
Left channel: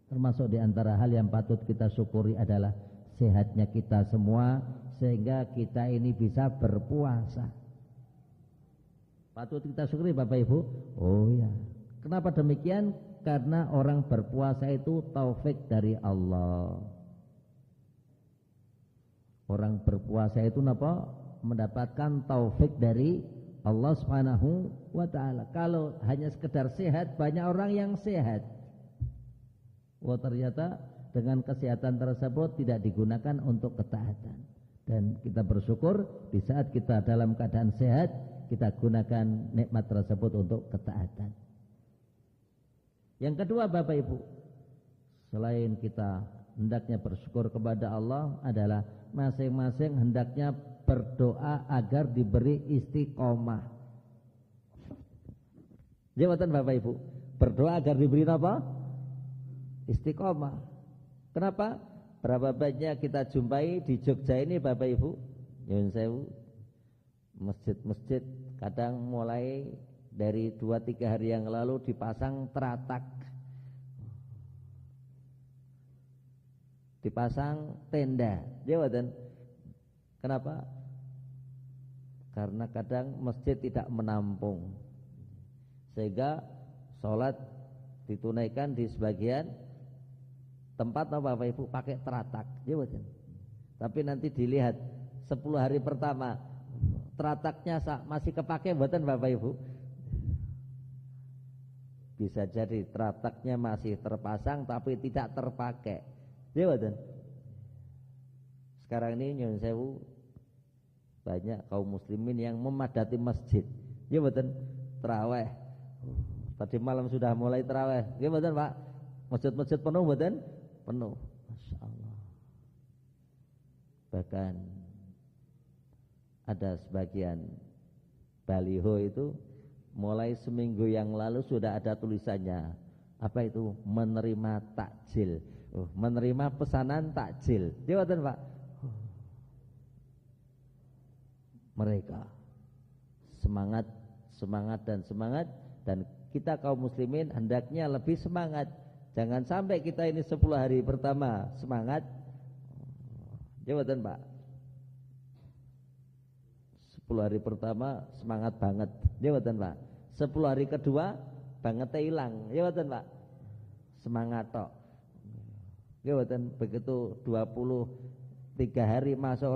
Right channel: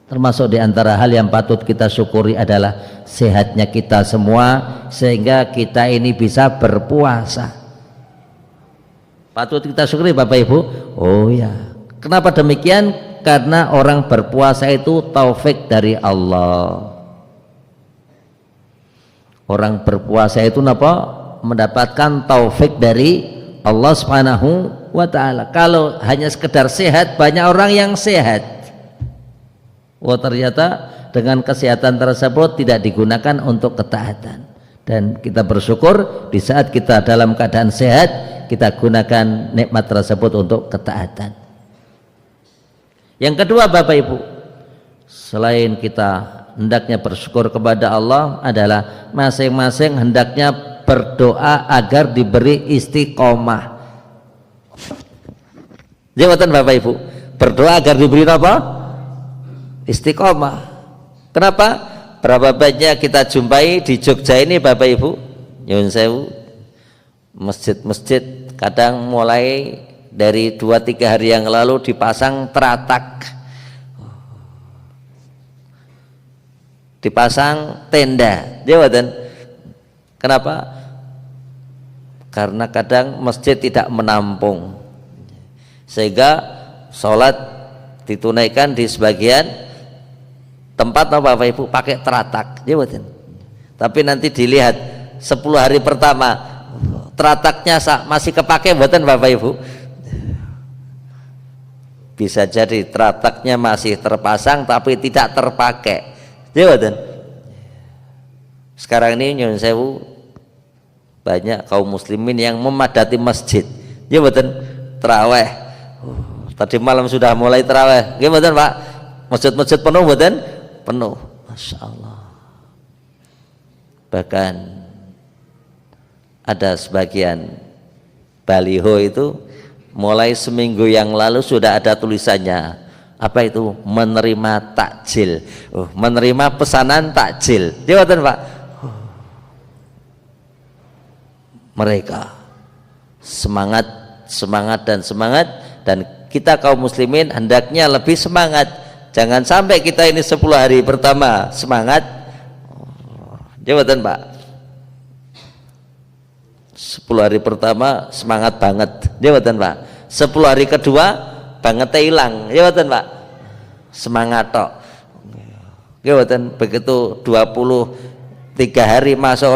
Termasuk di antara hal yang patut kita syukuri adalah sehatnya kita semua, sehingga kita ini bisa berpuasa. Patut kita syukuri Bapak Ibu. Oh ya, kenapa demikian? Karena orang berpuasa itu taufik dari Allah. Orang berpuasa itu mendapatkan taufik dari Allah Subhanahu wa ta'ala. Kalau hanya sekedar sehat, banyak orang yang sehat, ternyata dengan kesehatan tersebut tidak digunakan untuk ketaatan. Dan kita bersyukur di saat kita dalam keadaan sehat, kita gunakan nikmat tersebut untuk ketaatan. Yang kedua Bapak Ibu, selain kita hendaknya bersyukur kepada Allah, adalah masing-masing hendaknya berdoa agar diberi istiqomah. Jawatan Bapak Ibu, berdoa agar diberi apa? Istiqomah. Kenapa? Berapa banyak kita jumpai di Jogja ini Bapak Ibu, nyuwun sewu, masjid-masjid kadang mulai dari 2-3 hari yang lalu dipasang teratak, dipasang tenda. Jawatan. Kenapa? Karena kadang masjid tidak menampung, sehingga sholat ditunaikan di sebagian tempat Bapak Ibu pakai teratak. Jawatan. Tapi nanti dilihat 10 hari pertama terataknya masih kepake buatan Bapak Ibu. Bisa jadi terataknya masih terpasang tapi tidak terpakai. Jawatan. Sekarang ini nyuwun sewu, banyak kaum muslimin yang memadati masjid. Jawatan. Taraweh Tadi malam sudah mulai tarawih. Nggih mboten Pak? Masjid-masjid penuh mboten? Penuh. Masya Allah. Bahkan ada sebagian baliho itu mulai seminggu yang lalu sudah ada tulisannya. Apa itu? Menerima takjil. Menerima pesanan takjil. Jawatan Pak. Mereka semangat dan kita kaum muslimin hendaknya lebih semangat. Jangan sampai kita ini 10 hari pertama semangat. Jawatan Pak. 10 hari pertama semangat banget. Jawatan Pak. 10 hari kedua bangetnya hilang. Jawatan Pak. Semangat tok. Jawatan begitu 23 hari masuk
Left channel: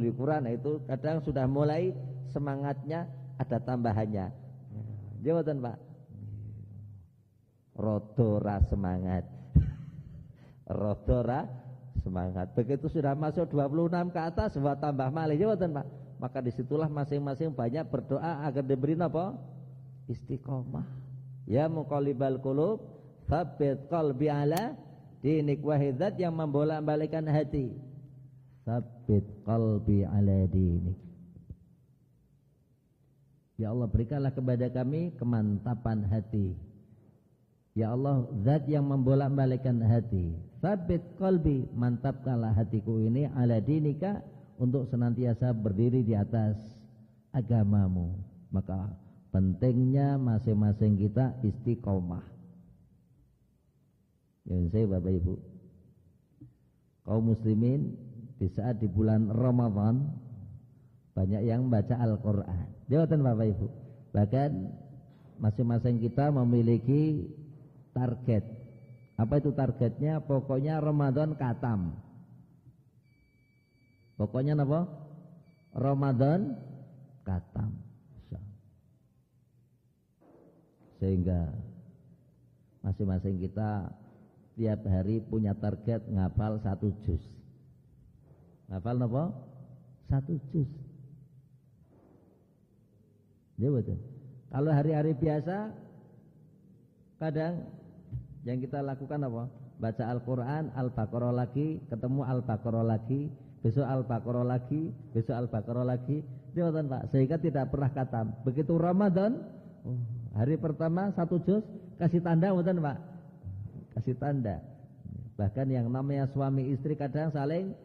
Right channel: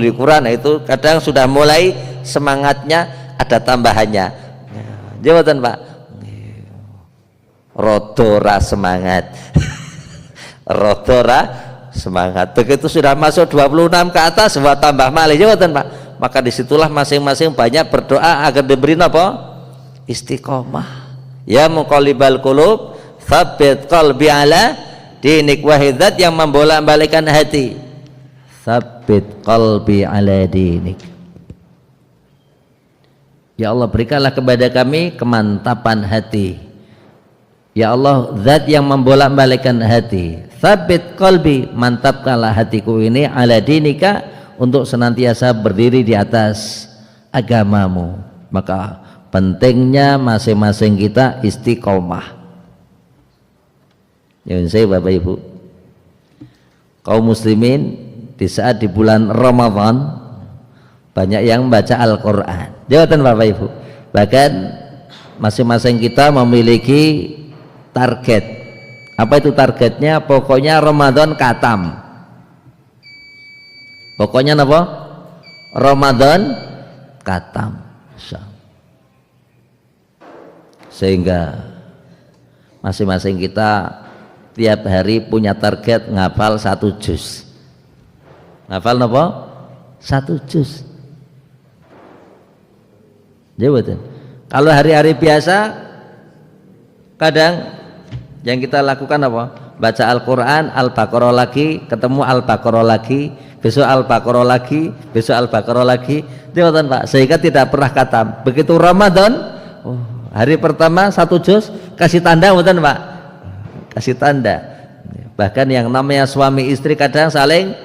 likuran, itu kadang sudah mulai semangatnya ada tambahannya. Jawatan Pak. Rodora semangat. Rodora semangat. Begitu sudah masuk 26 ke atas buat tambah malih. Jawatan Pak. Maka disitulah masing-masing banyak berdoa agar diberi apa? Istiqomah. Ya muqallibal qulub, tsabbit qalbi ala dinik, wahidat yang membolak-balikan hati. Tsabbit qalbi ala dinik. Ya Allah, berikanlah kepada kami kemantapan hati. Ya Allah, zat yang membolak-balikkan hati. Tsabbit qalbi, mantapkanlah hatiku ini ala dinika, untuk senantiasa berdiri di atas agamamu. Maka pentingnya masing-masing kita istiqomah. Ya saya Bapak Ibu, kaum muslimin di saat di bulan Ramadan banyak yang membaca Al-Quran. Jawatan Bapak Ibu, bahkan masing-masing kita memiliki target. Apa itu targetnya? Pokoknya Ramadan katam. Pokoknya apa? Ramadan katam. Sehingga masing-masing kita tiap hari punya target ngafal 1 juz. Ngafal apa? 1 juz. Jawatan. Kalau hari-hari biasa kadang yang kita lakukan apa? Baca Al-Quran, Al-Baqarah lagi, ketemu Al-Baqarah lagi, besok Al-Baqarah lagi, besok Al-Baqarah lagi. Jawatan Pak. Sehingga tidak pernah khatam. Begitu Ramadan, hari pertama 1 juz, kasih tanda bukan Pak? Kasih tanda. Bahkan yang namanya suami istri kadang saling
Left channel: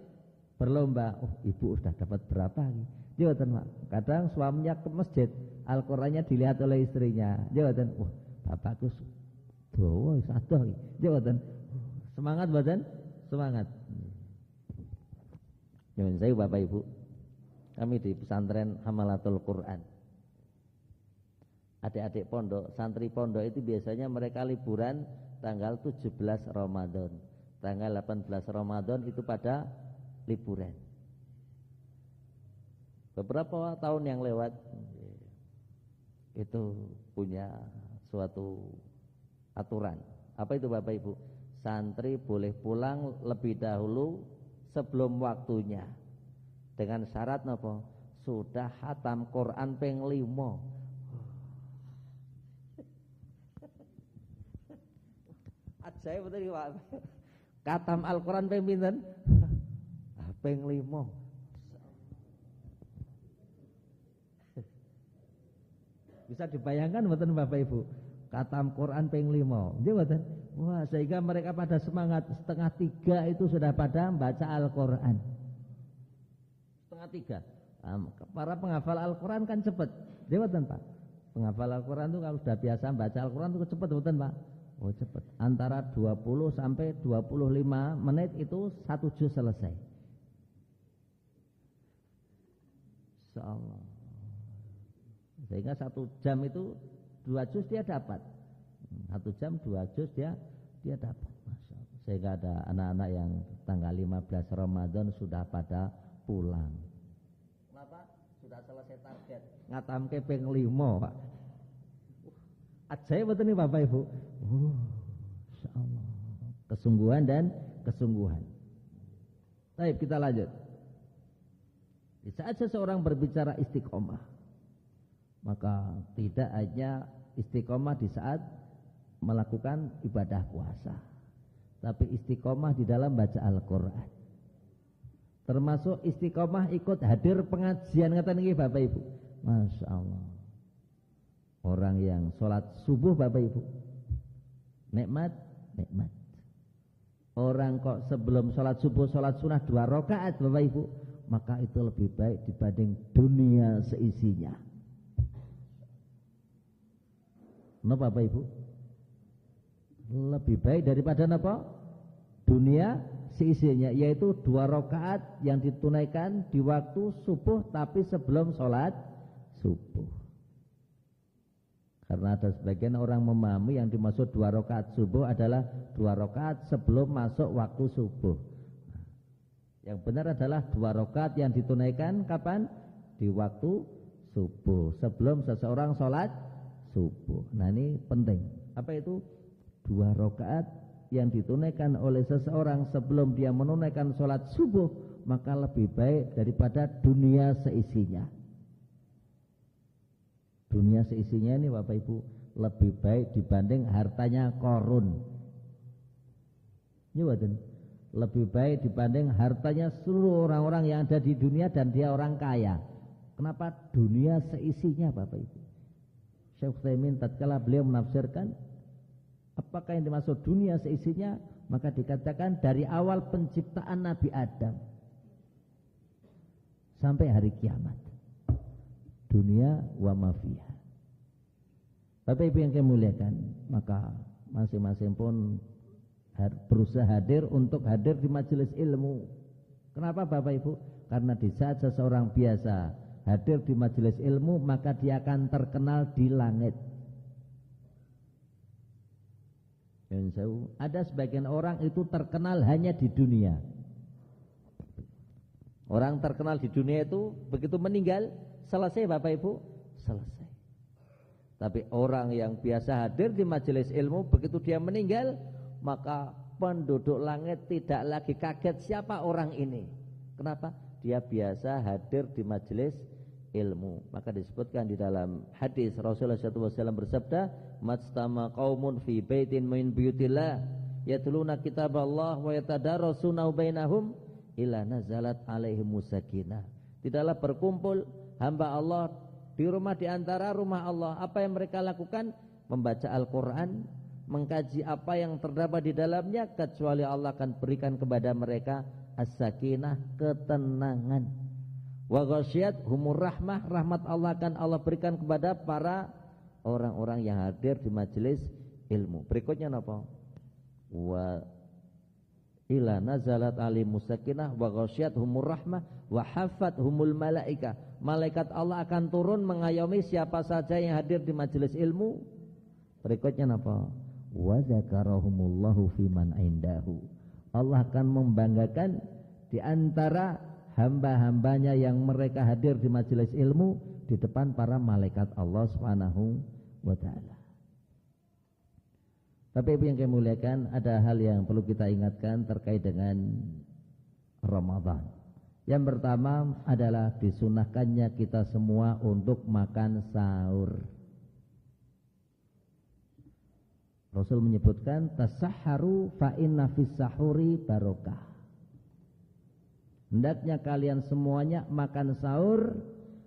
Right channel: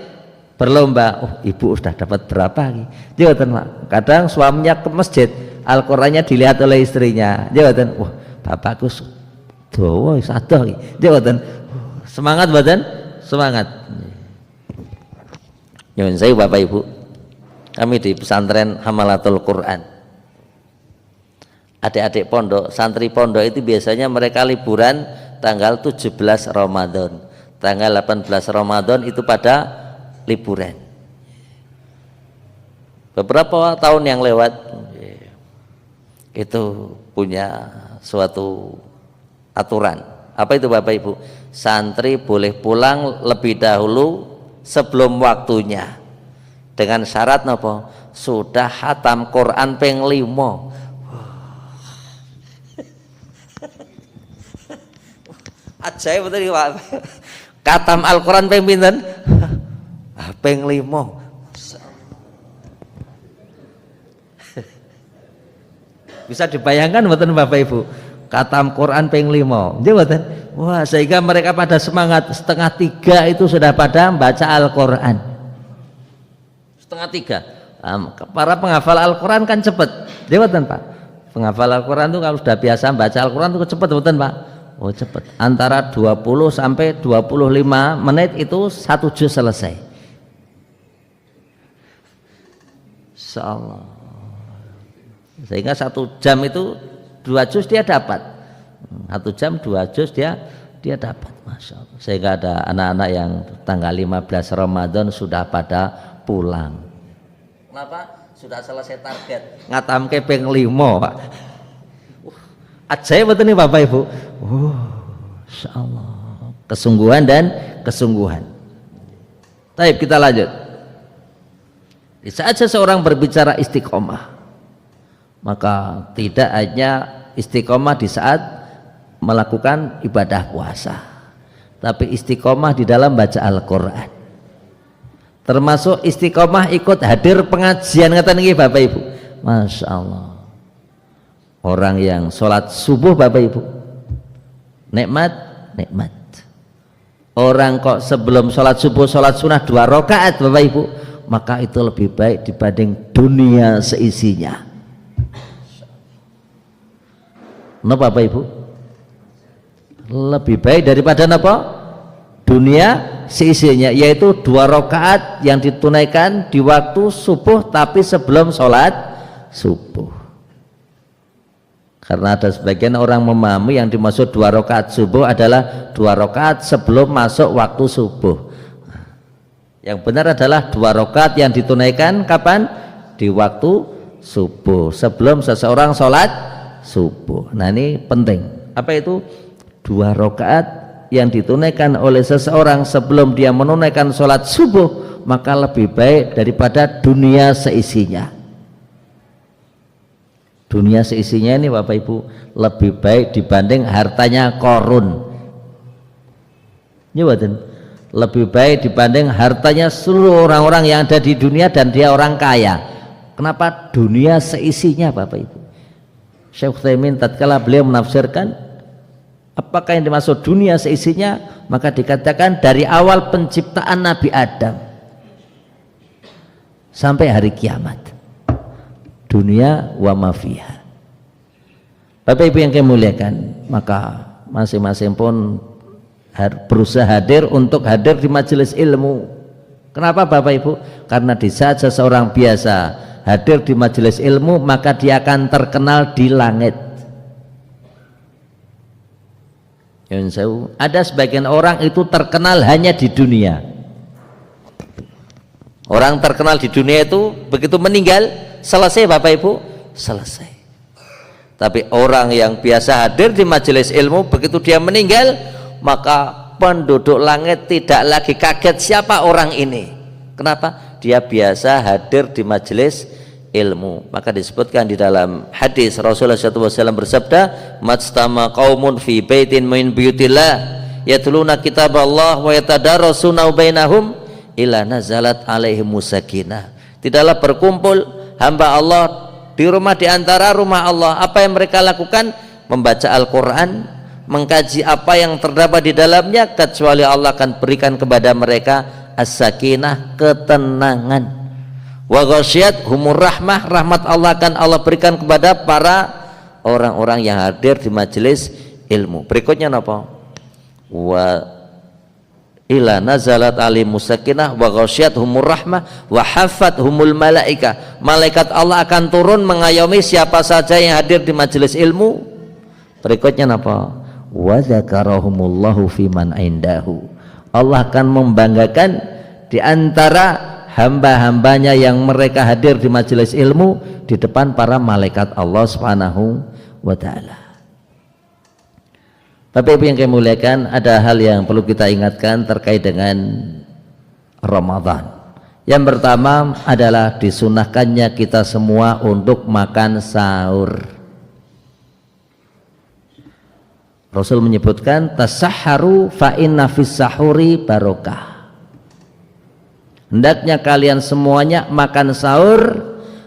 berlomba. Ibu sudah dapat berapa? Jawatan Pak. Kadang suaminya ke masjid, Al-Qurannya dilihat oleh istrinya. Jawatan, bapakku doa sadah. Jawatan, semangat badan, semangat. Nyuwun saya Bapak Ibu, kami di pesantren Hamalatul Quran, adik-adik pondok, santri pondok itu biasanya mereka liburan tanggal 17 Ramadan, tanggal 18 Ramadan itu pada liburan. Beberapa tahun yang lewat itu punya suatu aturan. Apa itu Bapak Ibu? Santri boleh pulang lebih dahulu sebelum waktunya, dengan syarat apa? Sudah khatam Quran ping 5. Ajaib betul Pak. Khatam Al-Quran ping pinten? Ping 5. Bisa dibayangkan mboten Bapak Ibu? Khatam Quran ping 5. Nggih mboten? Wah, sehingga mereka pada semangat. 2:30 itu sudah pada membaca Al-Quran. 2:30. Para penghafal Al-Quran kan cepat. Nggih mboten Pak? Penghafal Al-Quran itu kalau sudah biasa membaca Al-Quran itu cepat mboten Pak? Oh cepat. Antara 20 sampai 25 menit itu 1 juz selesai. Insyaallah. Sehingga 1 jam itu 2 juz dia dapat. 1 jam 2 juz dia dapat. Masya Allah. Sehingga ada anak-anak yang tanggal 15 Ramadan sudah pada pulang. Kenapa? Sudah selesai target. Ngatamke ping 5 Pak. Ajaib betul nih Bapak Ibu. Masya Allah. Kesungguhan dan kesungguhan. Baik, kita lanjut. Di saat seseorang berbicara istiqomah, maka tidak hanya istiqomah di saat melakukan ibadah puasa, tapi istiqomah di dalam baca Al-Quran, termasuk istiqomah ikut hadir pengajian. Kata niki Bapak Ibu, Masya Allah, orang yang sholat subuh Bapak Ibu nikmat. Orang kok sebelum sholat subuh sholat sunnah 2 rakaat Bapak Ibu, maka itu lebih baik dibanding dunia seisinya. Napa Bapak Ibu? Lebih baik daripada apa? Dunia seisinya, yaitu 2 rakaat yang ditunaikan di waktu subuh tapi sebelum sholat subuh. Karena ada sebagian orang memahami yang dimaksud 2 rakaat subuh adalah 2 rakaat sebelum masuk waktu subuh. Yang benar adalah 2 rakaat yang ditunaikan kapan? Di waktu subuh, sebelum seseorang sholat subuh. Nah ini penting. Apa itu? 2 rakaat yang ditunaikan oleh seseorang sebelum dia menunaikan sholat subuh, maka lebih baik daripada dunia seisinya. Dunia seisinya ini Bapak Ibu lebih baik dibanding hartanya Korun. Lebih baik dibanding hartanya seluruh orang-orang yang ada di dunia dan dia orang kaya. Kenapa? Dunia seisinya Bapak Ibu. Syekh Utsaimin tatkala beliau menafsirkan apakah yang dimaksud dunia seisinya, maka dikatakan dari awal penciptaan Nabi Adam sampai hari kiamat, dunia wa ma fiha. Bapak Ibu yang kami muliakan, maka masing-masing pun berusaha hadir untuk hadir di majelis ilmu. Kenapa Bapak Ibu? Karena di saat seseorang biasa hadir di majelis ilmu, maka dia akan terkenal di langit. Ada sebagian orang itu terkenal hanya di dunia. Orang terkenal di dunia itu begitu meninggal selesai Bapak Ibu, selesai. Tapi orang yang biasa hadir di majelis ilmu, begitu dia meninggal, maka penduduk langit tidak lagi kaget siapa orang ini. Kenapa? Dia biasa hadir di majelis ilmu. Maka disebutkan di dalam hadis Rasulullah SAW bersabda, "Majtama qaumun fi baitin min buyutillah yatluna kitaballah wa yatadarasuna bainahum illa nazalat alaihimus sakinah." Tidaklah berkumpul hamba Allah di rumah di antara rumah Allah, apa yang mereka lakukan? Membaca Al-Quran, mengkaji apa yang terdapat di dalamnya, kecuali Allah akan berikan kepada mereka as-sakinah, ketenangan. Wa ghasyiyat humur rahmah, rahmat Allah akan Allah berikan kepada para orang-orang yang hadir di majelis ilmu. Berikutnya apa? Wa ila nazalat alimus sakinah wa ghasyiyat humur rahmah wa hafat humul malaika. Malaikat Allah akan turun mengayomi siapa saja yang hadir di majelis ilmu. Berikutnya apa? Wa dzakarahumullahu fiman indahu. Allah akan membanggakan di antara hamba-hambanya yang mereka hadir di majelis ilmu di depan para malaikat Allah Subhanahu wa taala. Bapak Ibu yang kami muliakan, ada hal yang perlu kita ingatkan terkait dengan Ramadan. Yang pertama adalah disunahkannya kita semua untuk makan sahur. Rasul menyebutkan tasahharu fa inna fis sahuri barokah. Hendaknya kalian semuanya makan sahur,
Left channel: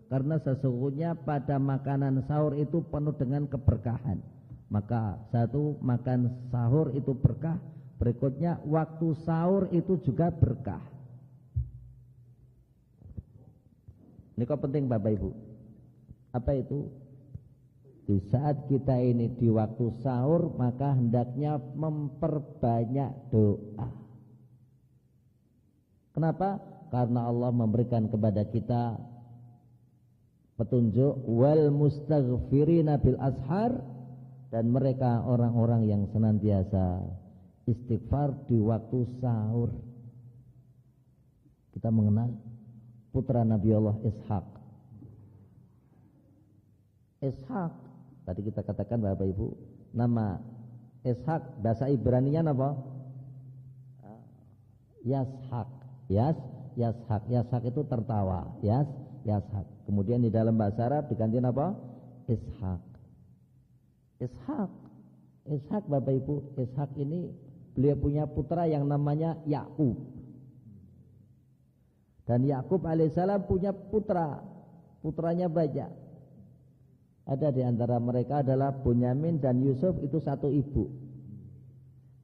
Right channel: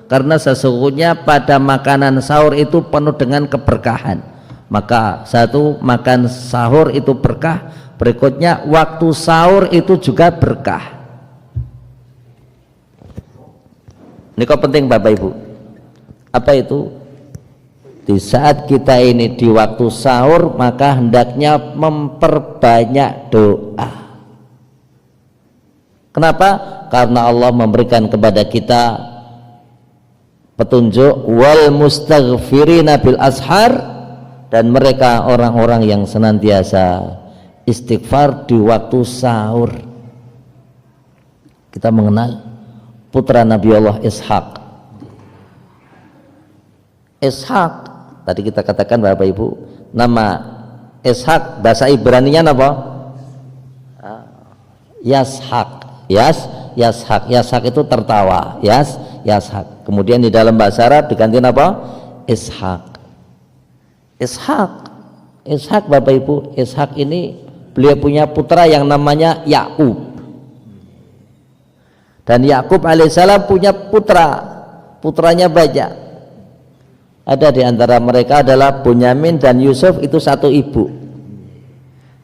karena sesungguhnya pada makanan sahur itu penuh dengan keberkahan. Maka satu, makan sahur itu berkah. Berikutnya waktu sahur itu juga berkah. Ini kok penting Bapak Ibu. Apa itu? Di saat kita ini di waktu sahur, maka hendaknya memperbanyak doa. Kenapa? Karena Allah memberikan kepada kita petunjuk wal mustaghfirina bil ashar, dan mereka orang-orang yang senantiasa istighfar di waktu sahur. Kita mengenal putra Nabi Allah Ishak. Ishak tadi kita katakan Bapak Ibu, nama Ishak bahasa Ibraninya apa? Yashak. Yashak itu tertawa. Yashak. Kemudian di dalam bahasa Arab diganti apa? Ishak. Ishak Bapak Ibu, Ishak ini beliau punya putra yang namanya Yakub. Dan Yakub alaihissalam punya putranya banyak. Ada di antara mereka adalah Bunyamin dan Yusuf, itu satu ibu.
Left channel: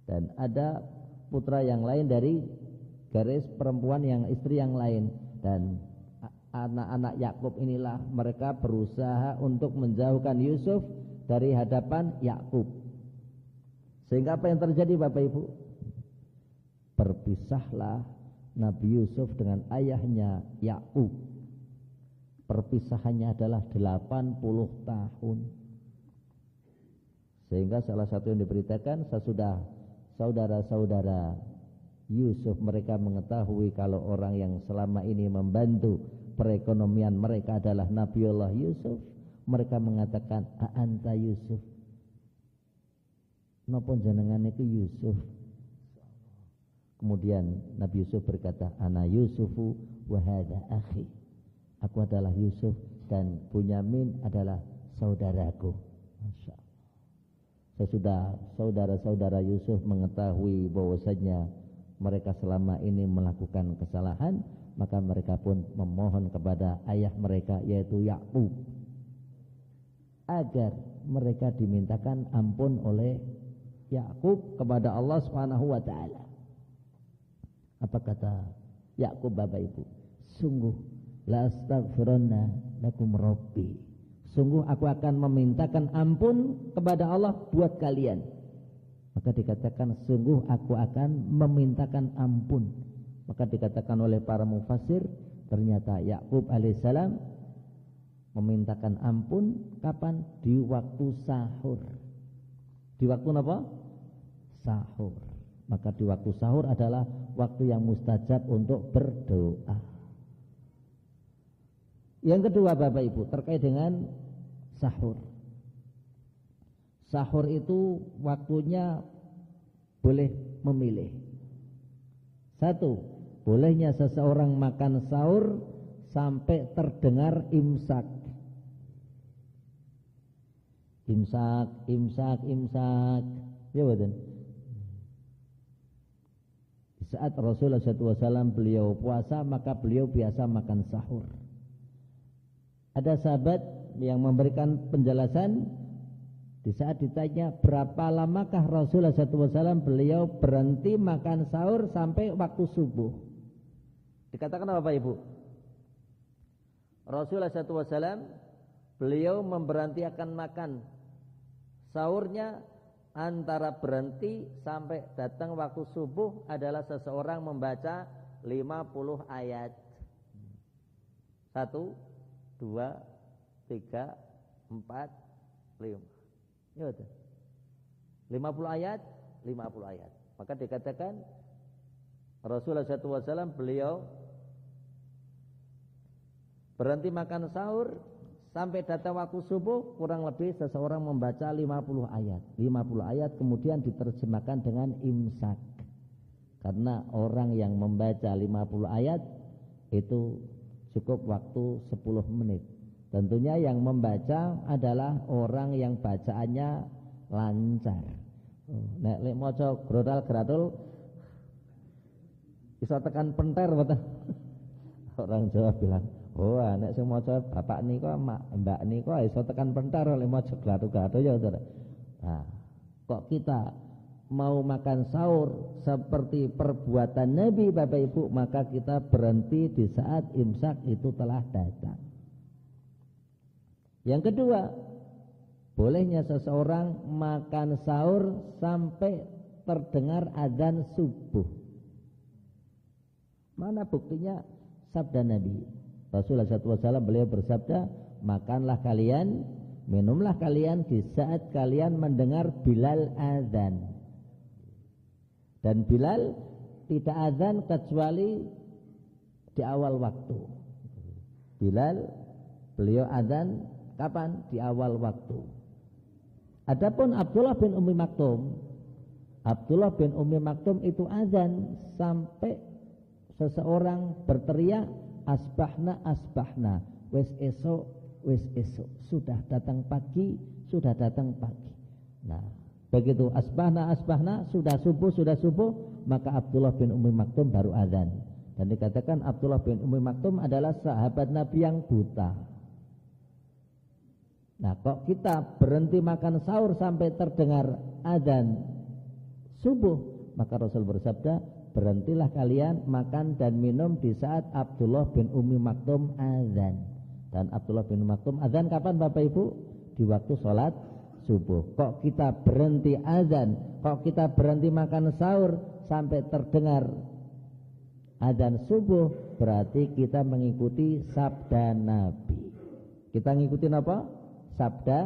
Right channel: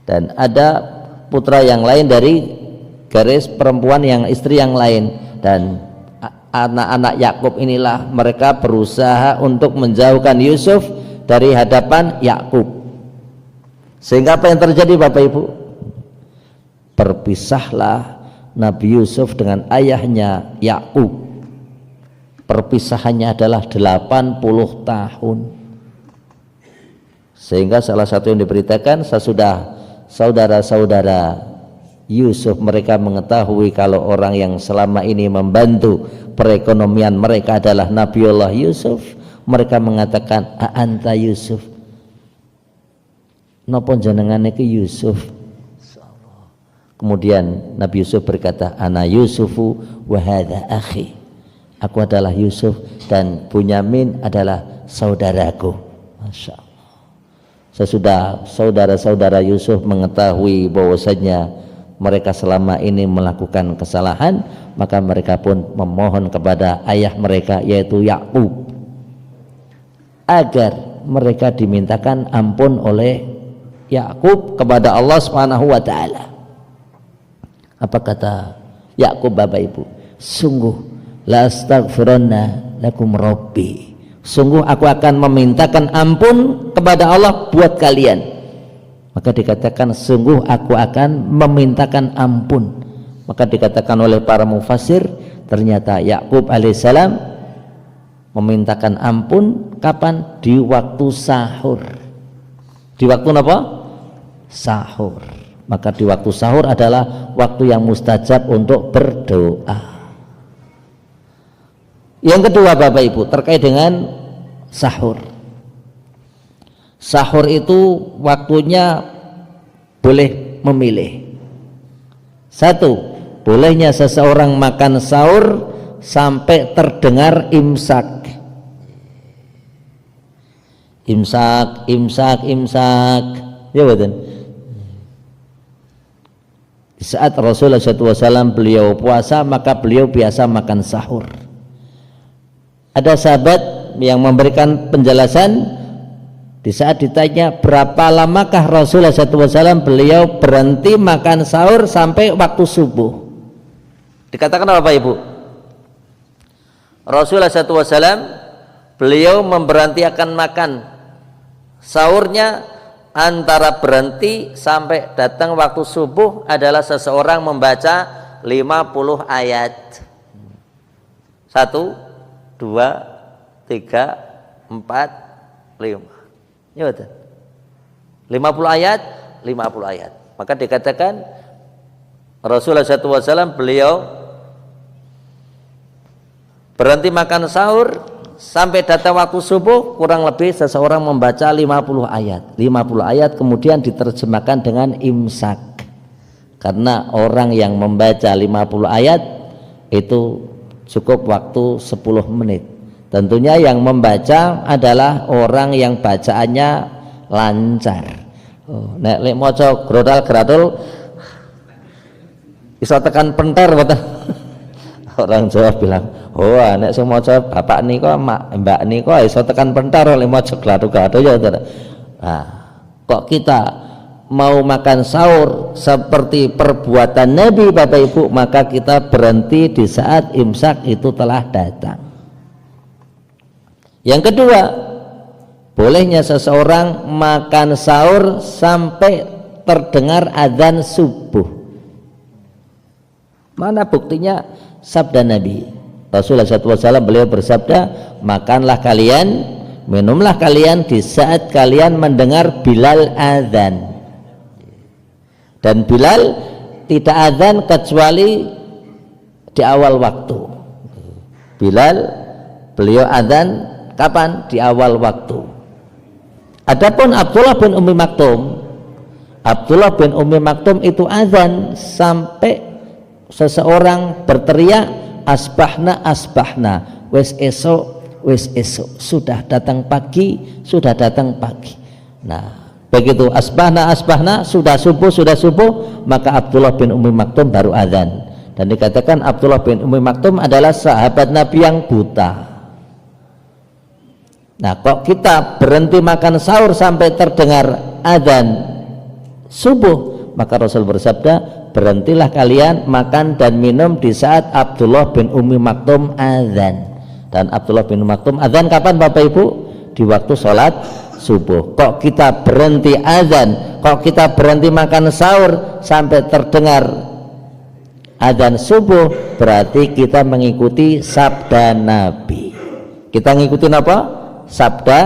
Dan ada putra yang lain dari garis perempuan yang istri yang lain. Dan anak-anak Yakub inilah mereka berusaha untuk menjauhkan Yusuf dari hadapan Yakub. Sehingga apa yang terjadi Bapak Ibu? Berpisahlah Nabi Yusuf dengan ayahnya Yakub. Perpisahannya adalah 80 tahun. Sehingga salah satu yang diberitakan, sesudah saudara-saudara Yusuf mereka mengetahui kalau orang yang selama ini membantu perekonomian mereka adalah Nabiullah Yusuf, mereka mengatakan, a'anta Yusuf, napa jenengan iki Yusuf? Kemudian Nabi Yusuf berkata, ana Yusufu wa hadza akhi, aku adalah Yusuf dan Bunyamin adalah saudaraku. Masya Allah. Sesudah saudara-saudara Yusuf mengetahui bahwasanya mereka selama ini melakukan kesalahan, maka mereka pun memohon kepada ayah mereka yaitu Yakub agar mereka dimintakan ampun oleh Yakub kepada Allah Subhanahu wa taala. Apa kata Yakub Bapak Ibu? Sungguh la astaghfiranna lakum rabbi, sungguh aku akan memintakan ampun kepada Allah buat kalian. Maka dikatakan sungguh aku akan memintakan ampun. Maka dikatakan oleh para mufassir, ternyata Yakub alaihissalam memintakan ampun kapan? Di waktu sahur. Di waktu apa? Sahur. Maka di waktu sahur adalah waktu yang mustajab untuk berdoa. Yang kedua Bapak Ibu, terkait dengan sahur. Sahur itu waktunya boleh memilih. Satu, bolehnya seseorang makan sahur sampai terdengar imsak. Imsak. Ya betul. Di saat Rasulullah SAW beliau puasa, maka beliau biasa makan sahur. Ada sahabat yang memberikan penjelasan di saat ditanya berapa lamakah Rasulullah SAW beliau berhenti makan sahur sampai waktu subuh. Dikatakan apa Ibu? Rasulullah SAW beliau memberhenti akan makan sahurnya antara berhenti sampai datang waktu subuh adalah seseorang membaca 50 ayat. 1, 2, 3, 4, 5. Ya betul. 50 ayat, 50 ayat. Maka dikatakan Rasulullah SAW beliau berhenti makan sahur sampai datang waktu subuh, kurang lebih seseorang membaca 50 ayat. 50 ayat kemudian diterjemahkan dengan imsak. Karena orang yang membaca 50 ayat itu cukup waktu 10 menit. Tentunya yang membaca adalah orang yang bacaannya lancar. Nek lek maca grodal-gradul iso tekan penter mboten. Orang Jawa bilang, "Oh, nek sing maca bapak nika, mbak nika iso tekan penter lek maca gladul-gladul ya." Nah, kok kita mau makan sahur seperti perbuatan Nabi Bapak Ibu, maka kita berhenti di saat imsak itu telah datang. Yang kedua, bolehnya seseorang makan sahur sampai terdengar adzan subuh. Mana buktinya? Sabda Nabi Rasulullah SAW beliau bersabda, makanlah kalian, minumlah kalian di saat kalian mendengar Bilal adzan. Dan Bilal tidak adzan kecuali di awal waktu. Bilal beliau adzan kapan? Di awal waktu. Adapun Abdullah bin Ummi Maktum itu azan sampai seseorang berteriak asbahna wes esok sudah datang pagi. Nah, begitu asbahna sudah subuh, maka Abdullah bin Ummi Maktum baru azan. Dan dikatakan Abdullah bin Ummi Maktum adalah sahabat Nabi yang buta. Nah, kok kita berhenti makan sahur sampai terdengar azan subuh, maka Rasul bersabda, berhentilah kalian makan dan minum di saat Abdullah bin Ummi Maktum azan. Dan Abdullah bin Ummi Maktum azan kapan Bapak Ibu? Di waktu sholat subuh. Kok kita berhenti azan, kok kita berhenti makan sahur sampai terdengar azan subuh, berarti kita mengikuti sabda Nabi. Kita ngikutin apa? Sabda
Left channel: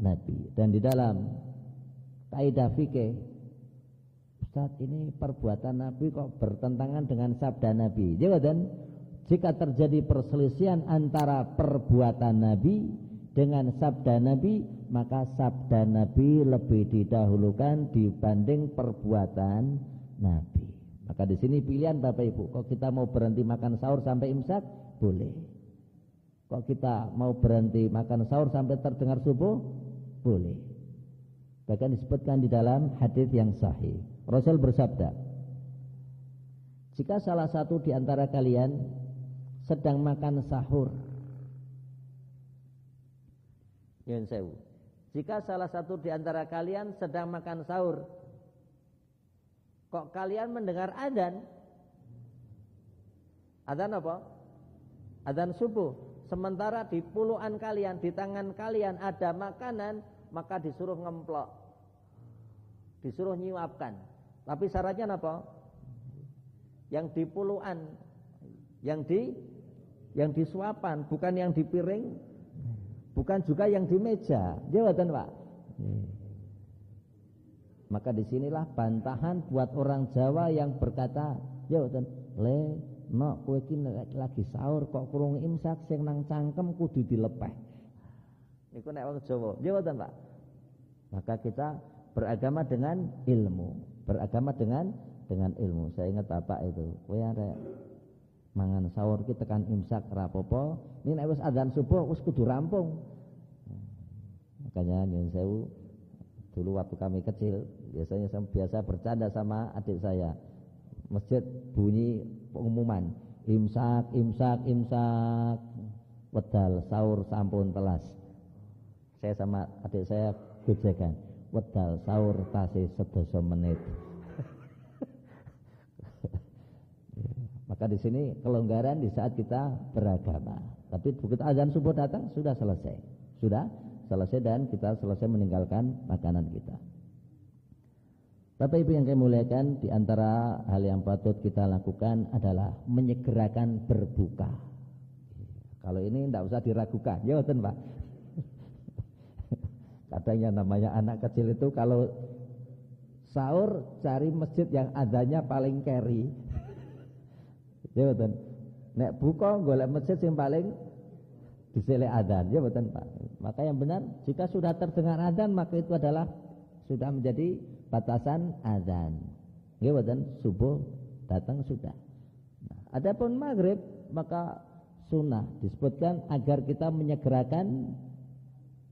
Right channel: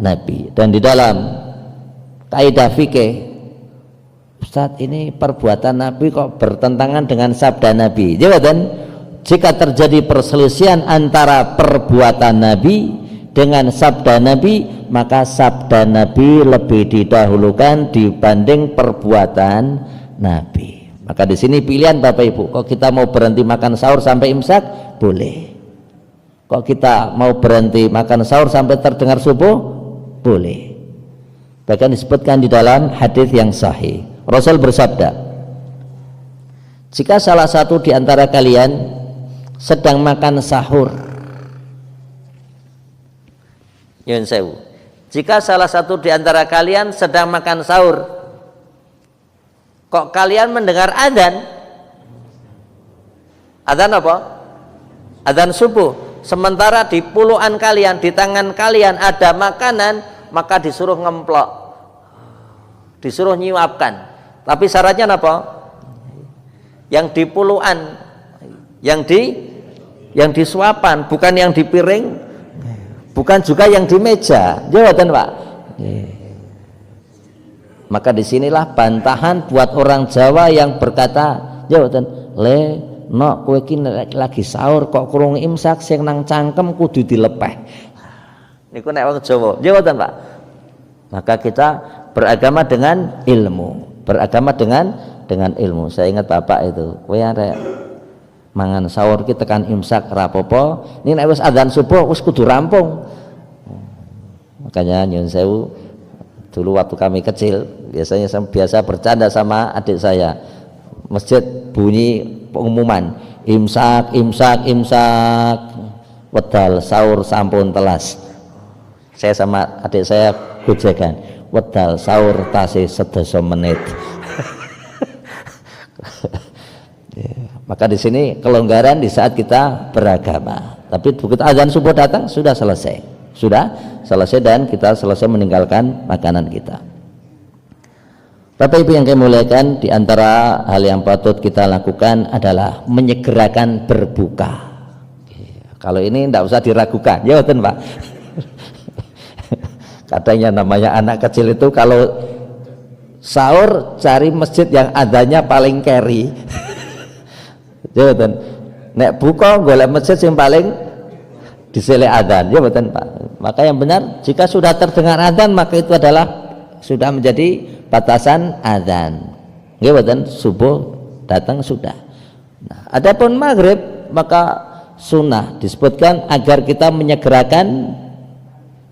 Nabi. Dan di dalam kaidah fikih, Ustaz, ini perbuatan Nabi kok bertentangan dengan sabda Nabi. Jawaban, jika terjadi perselisihan antara perbuatan Nabi dengan sabda Nabi, maka sabda Nabi lebih didahulukan dibanding perbuatan Nabi. Maka di sini pilihan Bapak Ibu, kok kita mau berhenti makan sahur sampai imsak? Boleh. Kok kita mau berhenti makan sahur sampai terdengar subuh? Boleh. Bahkan disebutkan di dalam hadis yang sahih, Rasul bersabda, jika salah satu di antara kalian sedang makan sahur, Yun sewu, jika salah satu di antara kalian sedang makan sahur, kok kalian mendengar adzan? Adzan apa? Adzan subuh. Sementara di puluhan kalian, di tangan kalian ada makanan, maka disuruh ngemplok, disuruh nyiapkan. Tapi syaratnya apa? Yang di puluhan, yang di suapan, bukan yang di piring, bukan juga yang di meja. Jawaban Pak. Maka disinilah bantahan buat orang Jawa yang berkata, jawaban, no kowe iki lagi sahur kok kurung imsak, sing nang cangkem kudu dilepeh. Niku nek wong Jawa. Jawaban Pak. Maka kita beragama dengan ilmu, beragama dengan ilmu. Saya ingat Bapak itu, kowe arek mangan sahur ki tekan imsak rapopo, ini nek wis adzan subuh wis kudu rampung. Makanya nyun sewu, dulu waktu kami kecil biasanya saya biasa bercanda sama adik saya, masjid bunyi pengumuman imsak wedal sahur sampun telas. Saya sama adik saya gojekan, wedal sahur tasih 10 menit. Maka di sini kelonggaran di saat kita beragama. Tapi begitu azan subuh datang sudah selesai dan kita selesai meninggalkan makanan kita. Bapak Ibu yang kami muliakan, di antara hal yang patut kita lakukan adalah menyegerakan berbuka. Kalau ini tidak usah diragukan, ya betul Pak. Katanya namanya anak kecil itu kalau sahur cari masjid yang adanya paling carry. Ya betul. Nek buka golek masjid yang paling diselek adzan, ya betul Pak. Maka yang benar, jika sudah terdengar adzan maka itu adalah sudah menjadi batasan adzan. Ya betul, subuh datang sudah. Nah, adapun maghrib maka sunnah disebutkan agar kita menyegerakan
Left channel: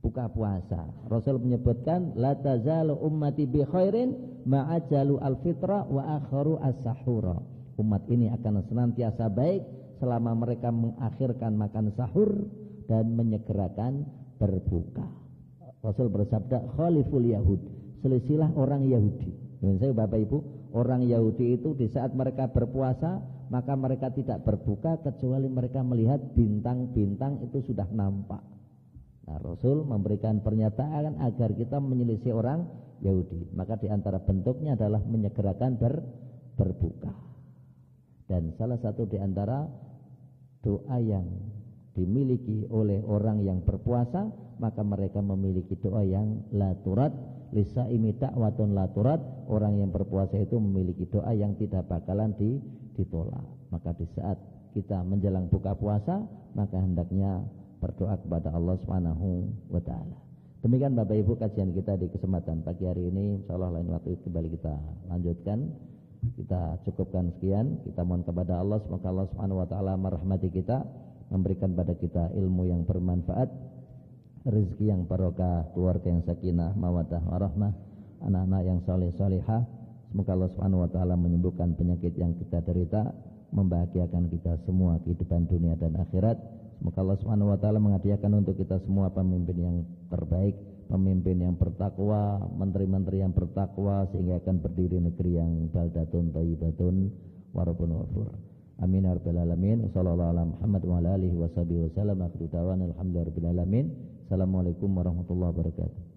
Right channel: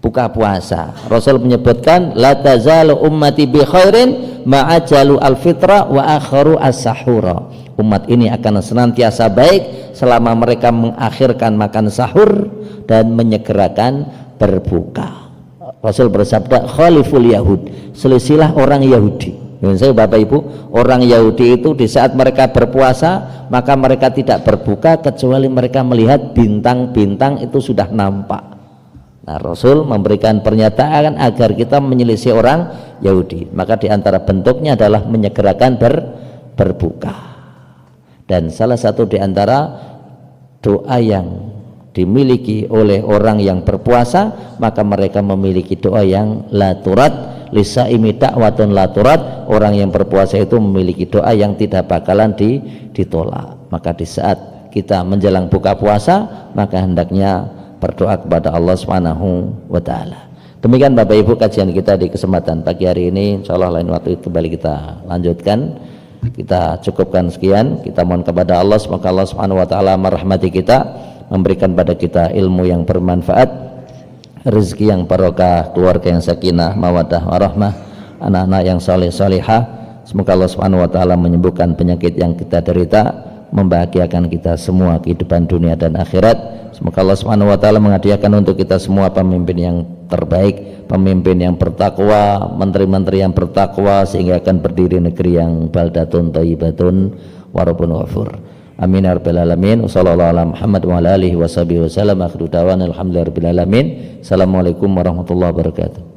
buka puasa. Rasul menyebutkan la tazalu ummati bi khairin ma'ajalu al-fitra wa akharu as-sahura. Umat ini akan senantiasa baik selama mereka mengakhirkan makan sahur dan menyegerakan berbuka. Rasul bersabda, khaliful yahud, selisilah orang Yahudi. Saya Bapak Ibu, orang Yahudi itu di saat mereka berpuasa maka mereka tidak berbuka kecuali mereka melihat bintang-bintang itu sudah nampak. Nah, Rasul memberikan pernyataan agar kita menyelisih orang Yahudi. Maka di antara bentuknya adalah menyegerakan berbuka. Dan salah satu di antara doa yang dimiliki oleh orang yang berpuasa, maka mereka memiliki doa yang la turat, lisaimi da'watun la turat. Orang yang berpuasa itu memiliki doa yang tidak bakalan ditolak. Maka di saat kita menjelang buka puasa, maka hendaknya berdoa kepada Allah Subhanahu wa taala. Demikian Bapak Ibu kajian kita di kesempatan pagi hari ini. Insyaallah lain waktu kembali kita lanjutkan. Kita cukupkan sekian. Kita mohon kepada Allah semoga Allah Subhanahu wa taala merahmati kita, memberikan pada kita ilmu yang bermanfaat, rezeki yang barokah, keluarga yang sakinah, mawaddah warahmah, anak-anak yang saleh salihah. Semoga Allah Subhanahu wa taala menyembuhkan penyakit yang kita derita, membahagiakan kita semua kehidupan dunia dan akhirat. Semoga Allah Subhanahu wa taala menghadiahkan untuk kita semua pemimpin yang terbaik, pemimpin yang bertakwa, menteri-menteri yang bertakwa, sehingga akan berdiri negeri yang baldatun thayyibatun wa rabbun ghafur. Amin ya rabbal alamin. Wassallallahu ala Muhammad wa ala alihi wasallam. Akhiru da'wana alhamdulillahi rabbil alamin. Assalamualaikum warahmatullahi wabarakatuh.